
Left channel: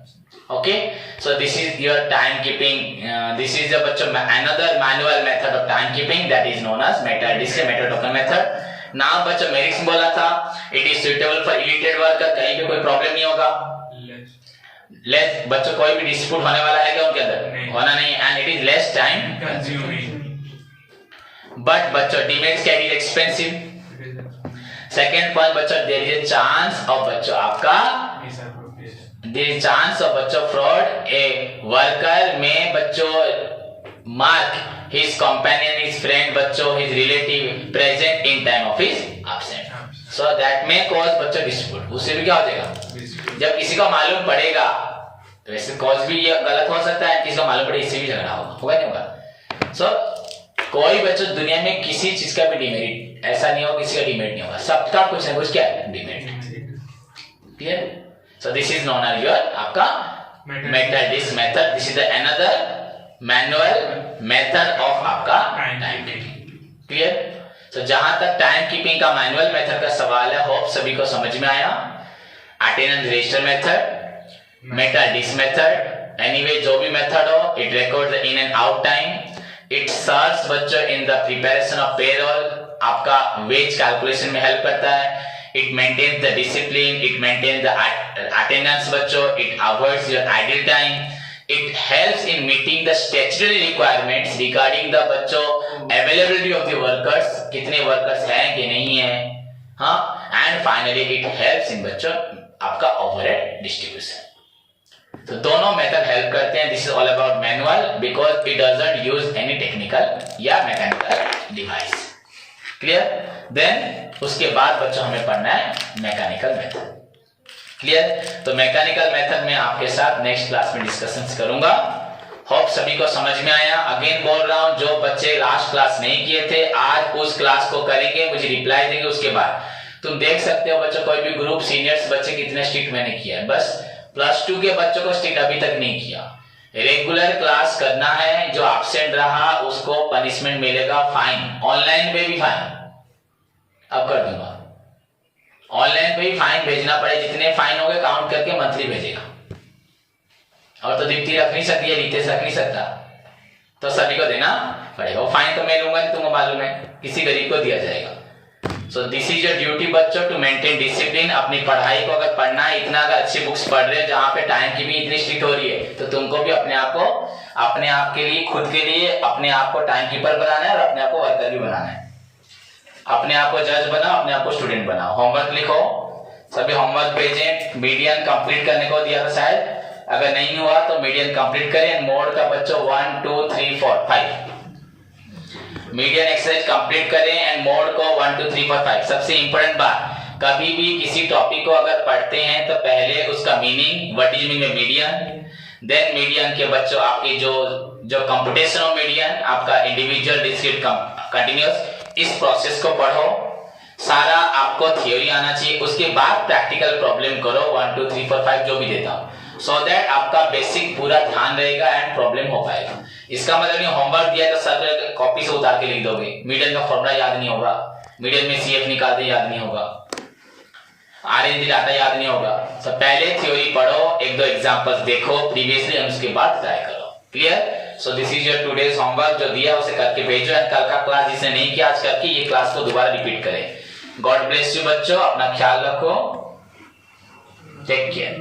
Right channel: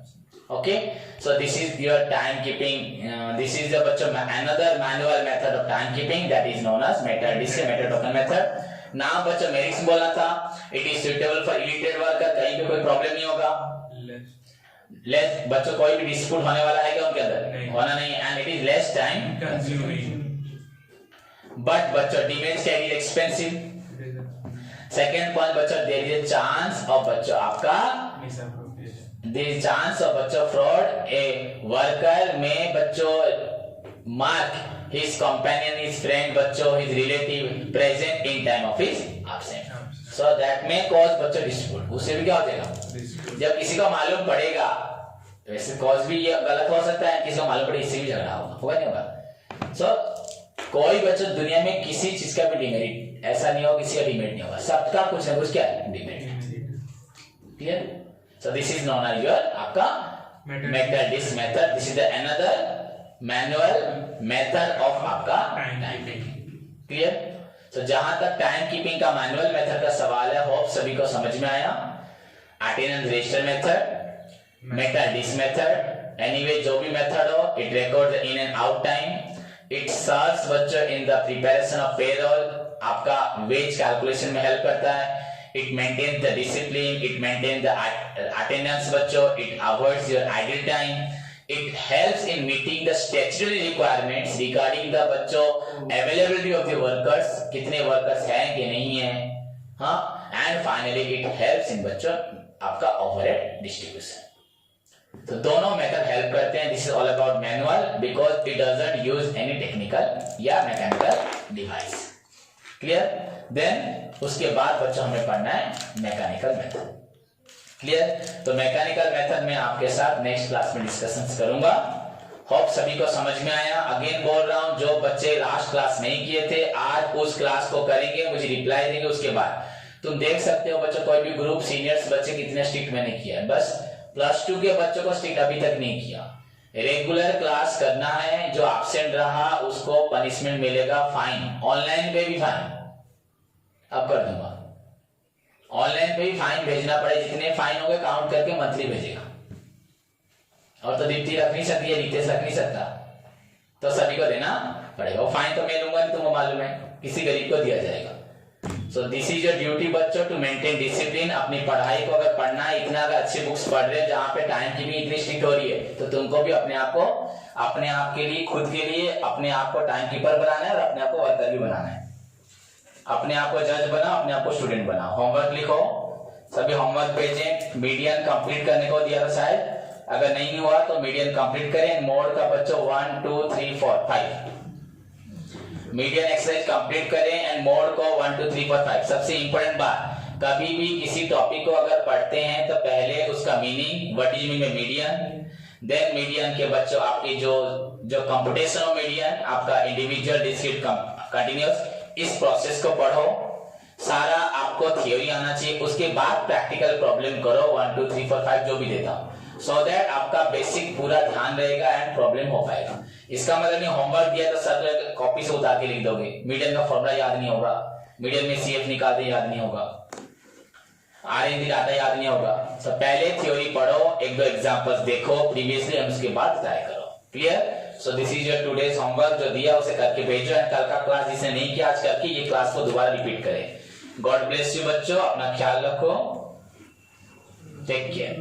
Okay, so this is your timekeeping. This is the bachcho another manual method of timekeeping that is known as metal disc metal token method. Now बच्चों मेरिक्स बोला था it is suitable for illiterate worker. कहीं पे कोई problem नहीं होगा. Less बच्चों कोई भी डिस्प्यूट होने वाला है क्या उनके अंदर, होना नहीं. And it is less time consuming. But बच्चों डीमेरिट्स क्या, it is expensive. Second point बच्चों there is a chance of बच्चों आपका देयर इज चांस ऑफ बच्चों फ्रॉड. ए वर्कर में बच्चों mark his companion, his friend बच्चों, his relative present in time of his absence. So that may cause बच्चों dispute. उससे भी क्या हो जाएगा, जब किसी को मालूम पड़ेगा तो ऐसे कॉज भी ये गलत हो सकता है, किसी को मालूम पड़े इससे भी झगड़ा होगा नहीं होगा. सो कोई बच्चों दुनिया में किसी चीज का भी डिमेरिट ऐसा नहीं होगा, किसी का डिमेरिट नहीं होगा, सबका कुछ ना कुछ क्या है demerit. Clear? So this is known as your आपका metal disc method. This is the another manual method of आपका टाइम कीपिंग. क्लियर? तो जहां तक टाइम कीपिंग का मैनुअल मेथड का सवाल है, होप सभी को समझ में आया. Attendance register method, metal disc method, anyway जो भी मेथड हो, it record the in and out time. It serves बच्चों in the preparation of payroll, आपका वेज कैलकुलेशन में हेल्प करता है. It maintains the discipline, it maintains the attendance बच्चों, it avoids your idle time. It helps in meeting the statutory requirements regarding the बच्चों availability of the workers, कितने workers हैं कि नहीं हैं, हाँ. And finally it helps in बच्चों आपका overhead distribution. तो दोनों मेथड हेल्प करते हैं. This is all about manual because it doesn't use any technical या mechanical device. Clear? Then उसके बाद बच्चों हमें पढ़ना है मैकेनिकल मेथड. क्लियर? तो मैकेनिकल मेथड में आपके साथ नेक्स्ट क्लास में डिस्कशंस करूंगा. होप सभी को समझ में आया. अगेन बोल रहा हूं, जो बच्चे लास्ट क्लास नहीं किए थे आज उस क्लास को करेंगे, मुझे रिप्लाई देंगे. उसके बाद तुम देख सकते हो बच्चों कोई भी ग्रुप सीनियर्स बच्चे कितने स्ट्रिक्ट मैंने किया है. बस +2 के बच्चों को स्ट्रिक्ट अभी तक नहीं किया. रेगुलर क्लास करना है, जो एब्सेंट रहा उसको पनिशमेंट मिलेगा, फाइन. ऑनलाइन पे भी फाइन अब कर दूंगा. ऑनलाइन पे ही फाइन भेजना पड़े, जितने फाइन होंगे काउंट करके मंथली भेजेगा. और तो दीप्ति रख नहीं सकती है, रितेश रख नहीं सकता, तो सभी को देना पड़ेगा. वो फाइन तो मैं लूंगा नहीं, तुमको मालूम है, किसी गरीब को दिया जाएगा. सो दिस इज योर ड्यूटी बच्चों टू मेंटेन डिसिप्लिन. अपनी पढ़ाई को अगर पढ़ना है, इतना अगर अच्छी बुक्स पढ़ रहे हो जहाँ पे टाइम की भी इतनी स्ट्रिक्ट हो रही है, तो तुमको भी अपने आप के लिए, खुद के लिए अपने आप को टाइम कीपर बनाना है और अपने आप को वर्कर भी बनाना है. अपने आप को जज बनाओ, अपने आप को स्टूडेंट बनाओ. होमवर्क लिखो, सभी होमवर्क भेजें. मीडियन कंप्लीट करने को दिया था शायद, अगर नहीं हुआ तो मीडियन कंप्लीट करें. मोड का बच्चों 1 2 3 4 5 मीडियन एक्सरसाइज कंप्लीट करें एंड मोड को 1 2 3 4 5. सबसे इंपॉर्टेंट बात, कभी भी किसी टॉपिक को अगर पढ़ते हैं तो पहले उसका meaning, what is meaning bye median, then median के बच्चों आपकी जो कंप्यूटेशन ऑफ मीडियन, आपका इंडिविजुअल डिस्क्रीट कंटिन्यूअस, इस प्रोसेस को पढ़ो, सारा आपको थ्योरी आना चाहिए, उसके बाद प्रैक्टिकल प्रॉब्लम करो 1 2 3 4 5 जो भी देता हूं, सो दैट आपका बेसिक पूरा ध्यान रहेगा एंड प्रॉब्लम हो पाएगा। इसका मतलब नहीं होमवर्क दिया तो सर कॉपी से उतार के लिख दोगे, मीडियन का फॉर्मूला याद नहीं होगा, मीडियन में सीएफ निकालते याद नहीं होगा, आरएनडी डाटा याद नहीं होगा। तो पहले थ्योरी पढ़ो, एक दो एग्जांपल्स देखो प्रीवियसली, और उसके बाद ट्राई करो। Clear? So this is your today's homework, जो दिया उसे करके भेजो, एंड कल का क्लास जिसने नहीं किया आज करके ये क्लास को दोबारा रिपीट करें। गॉड ब्लेस यू बच्चों, अपना ख्याल रखो, टेक केयर।